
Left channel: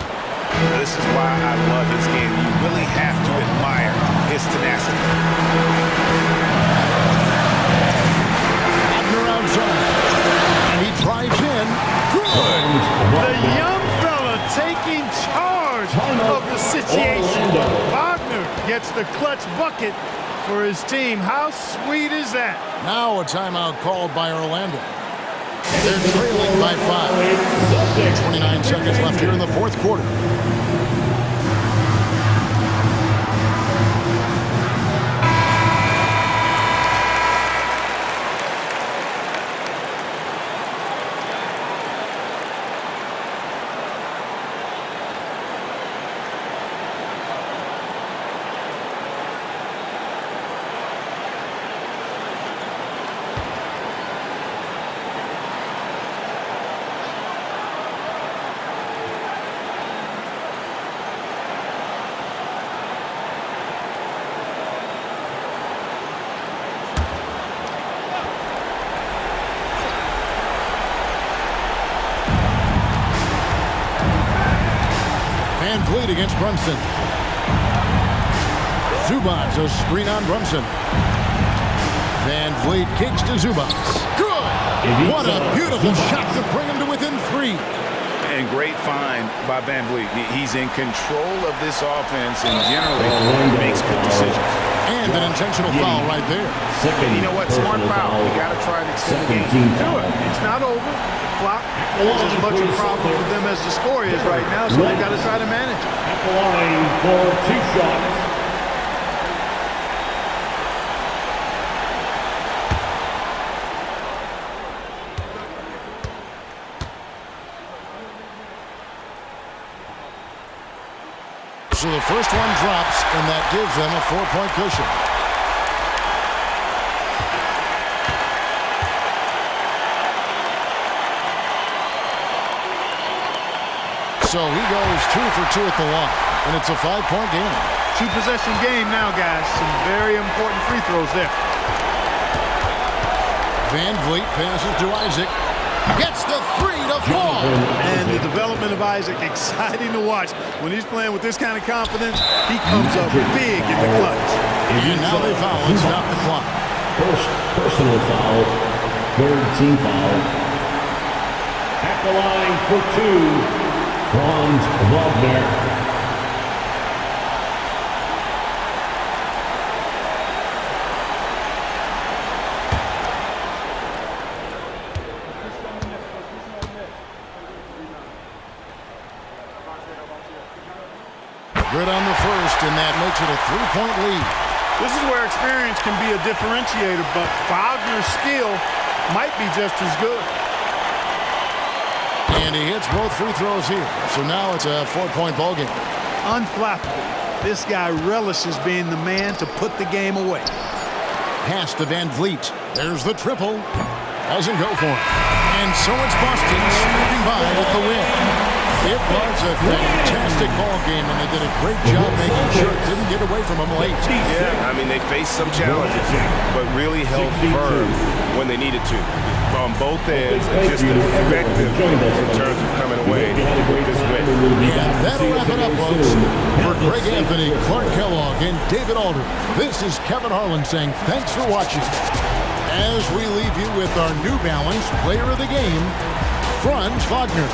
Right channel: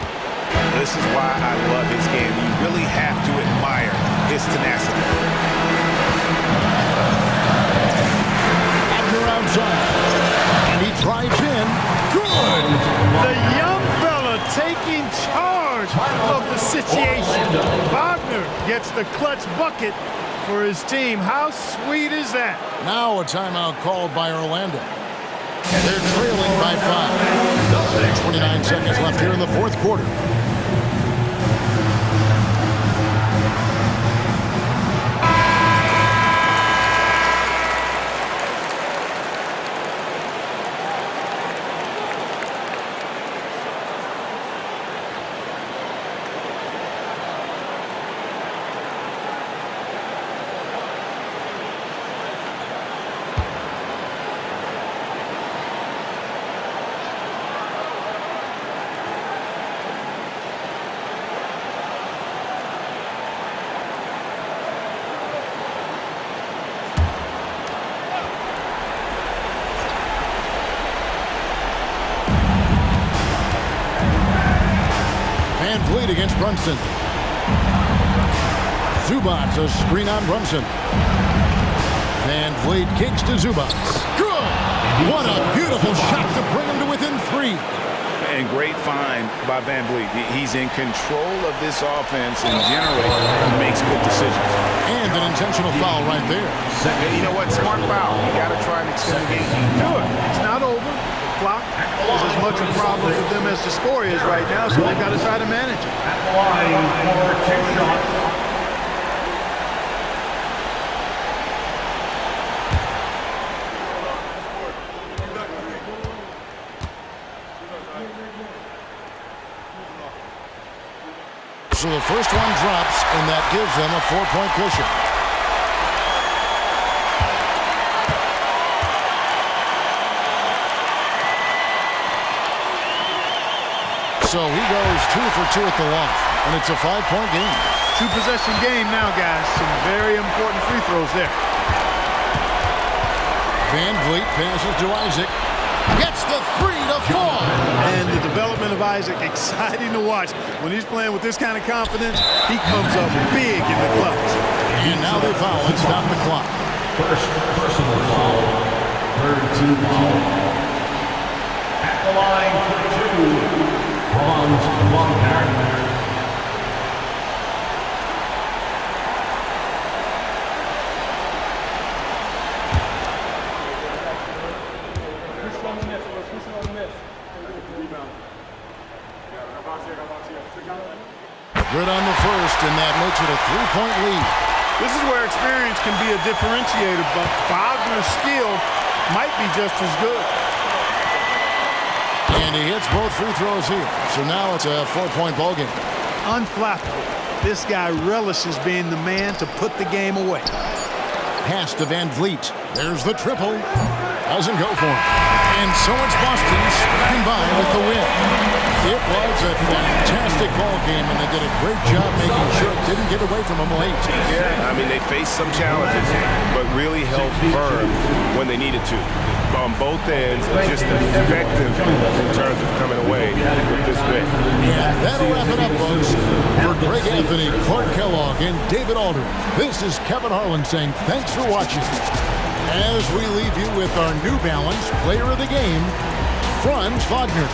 This is why I love his game. You really have to admire his tenacity. Abner outside. And he drives in. Good! The young fella taking charge of the situation. Wagner gets the clutch bucket for his team. How sweet is that? Now a timeout called by Orlando. They're trailing by 5. 29 seconds left here in the fourth quarter. Vanlet against Brunson. Zubac, a screen on Brunson. Vanlet kicks to Zubac. Good! What a beautiful shot to bring him to within 3. And great find by Vanlet. He's in control of this offense and generally makes good decisions. And an intentional foul right there. And you know what? Smart foul. You got to try and extend the game. Do it. It's not over. The clock is as much a problem for them as the score is right now, so they've got to try to manage it. At the line for 2 shots. So the first one drops, and that gives them a 4-point cushion. So he goes 2 for 2 at the line, and it's a 5-point game. 2-possession game now, guys. Some very important free throws there. Vanlet passes to Isaac. Gets the 3 to fall. And the development of Isaac, exciting to watch. When he's playing with this kind of confidence, he comes up big in the clutch. And now they foul and stop the clock. First personal foul, third team foul. At the line for 2, Franz Wagner. Good on the first, and that makes it a 3-point lead. This is where experience can be a differentiator, but Wagner's skill might be just as good. And he hits both free throws here. So now it's a 4-point ballgame. Unflappable. This guy relishes being the man to put the game away. Pass to Vanlet. There's the triple. Doesn't go for him. And so it's Boston sweeping by with the win. It was a fantastic ball game, and they did a great job making sure it didn't get away from them late. Yeah, I mean, they faced some challenges, but really held firm when they needed to. On both ends, and just effective in terms of coming away with this win. And that'll wrap it up, folks. For Greg Anthony, Clark Kellogg, and David Aldridge, this is Kevin Harlan saying thanks for watching. As we leave you with our New Balance Player of the Game, Franz Wagner.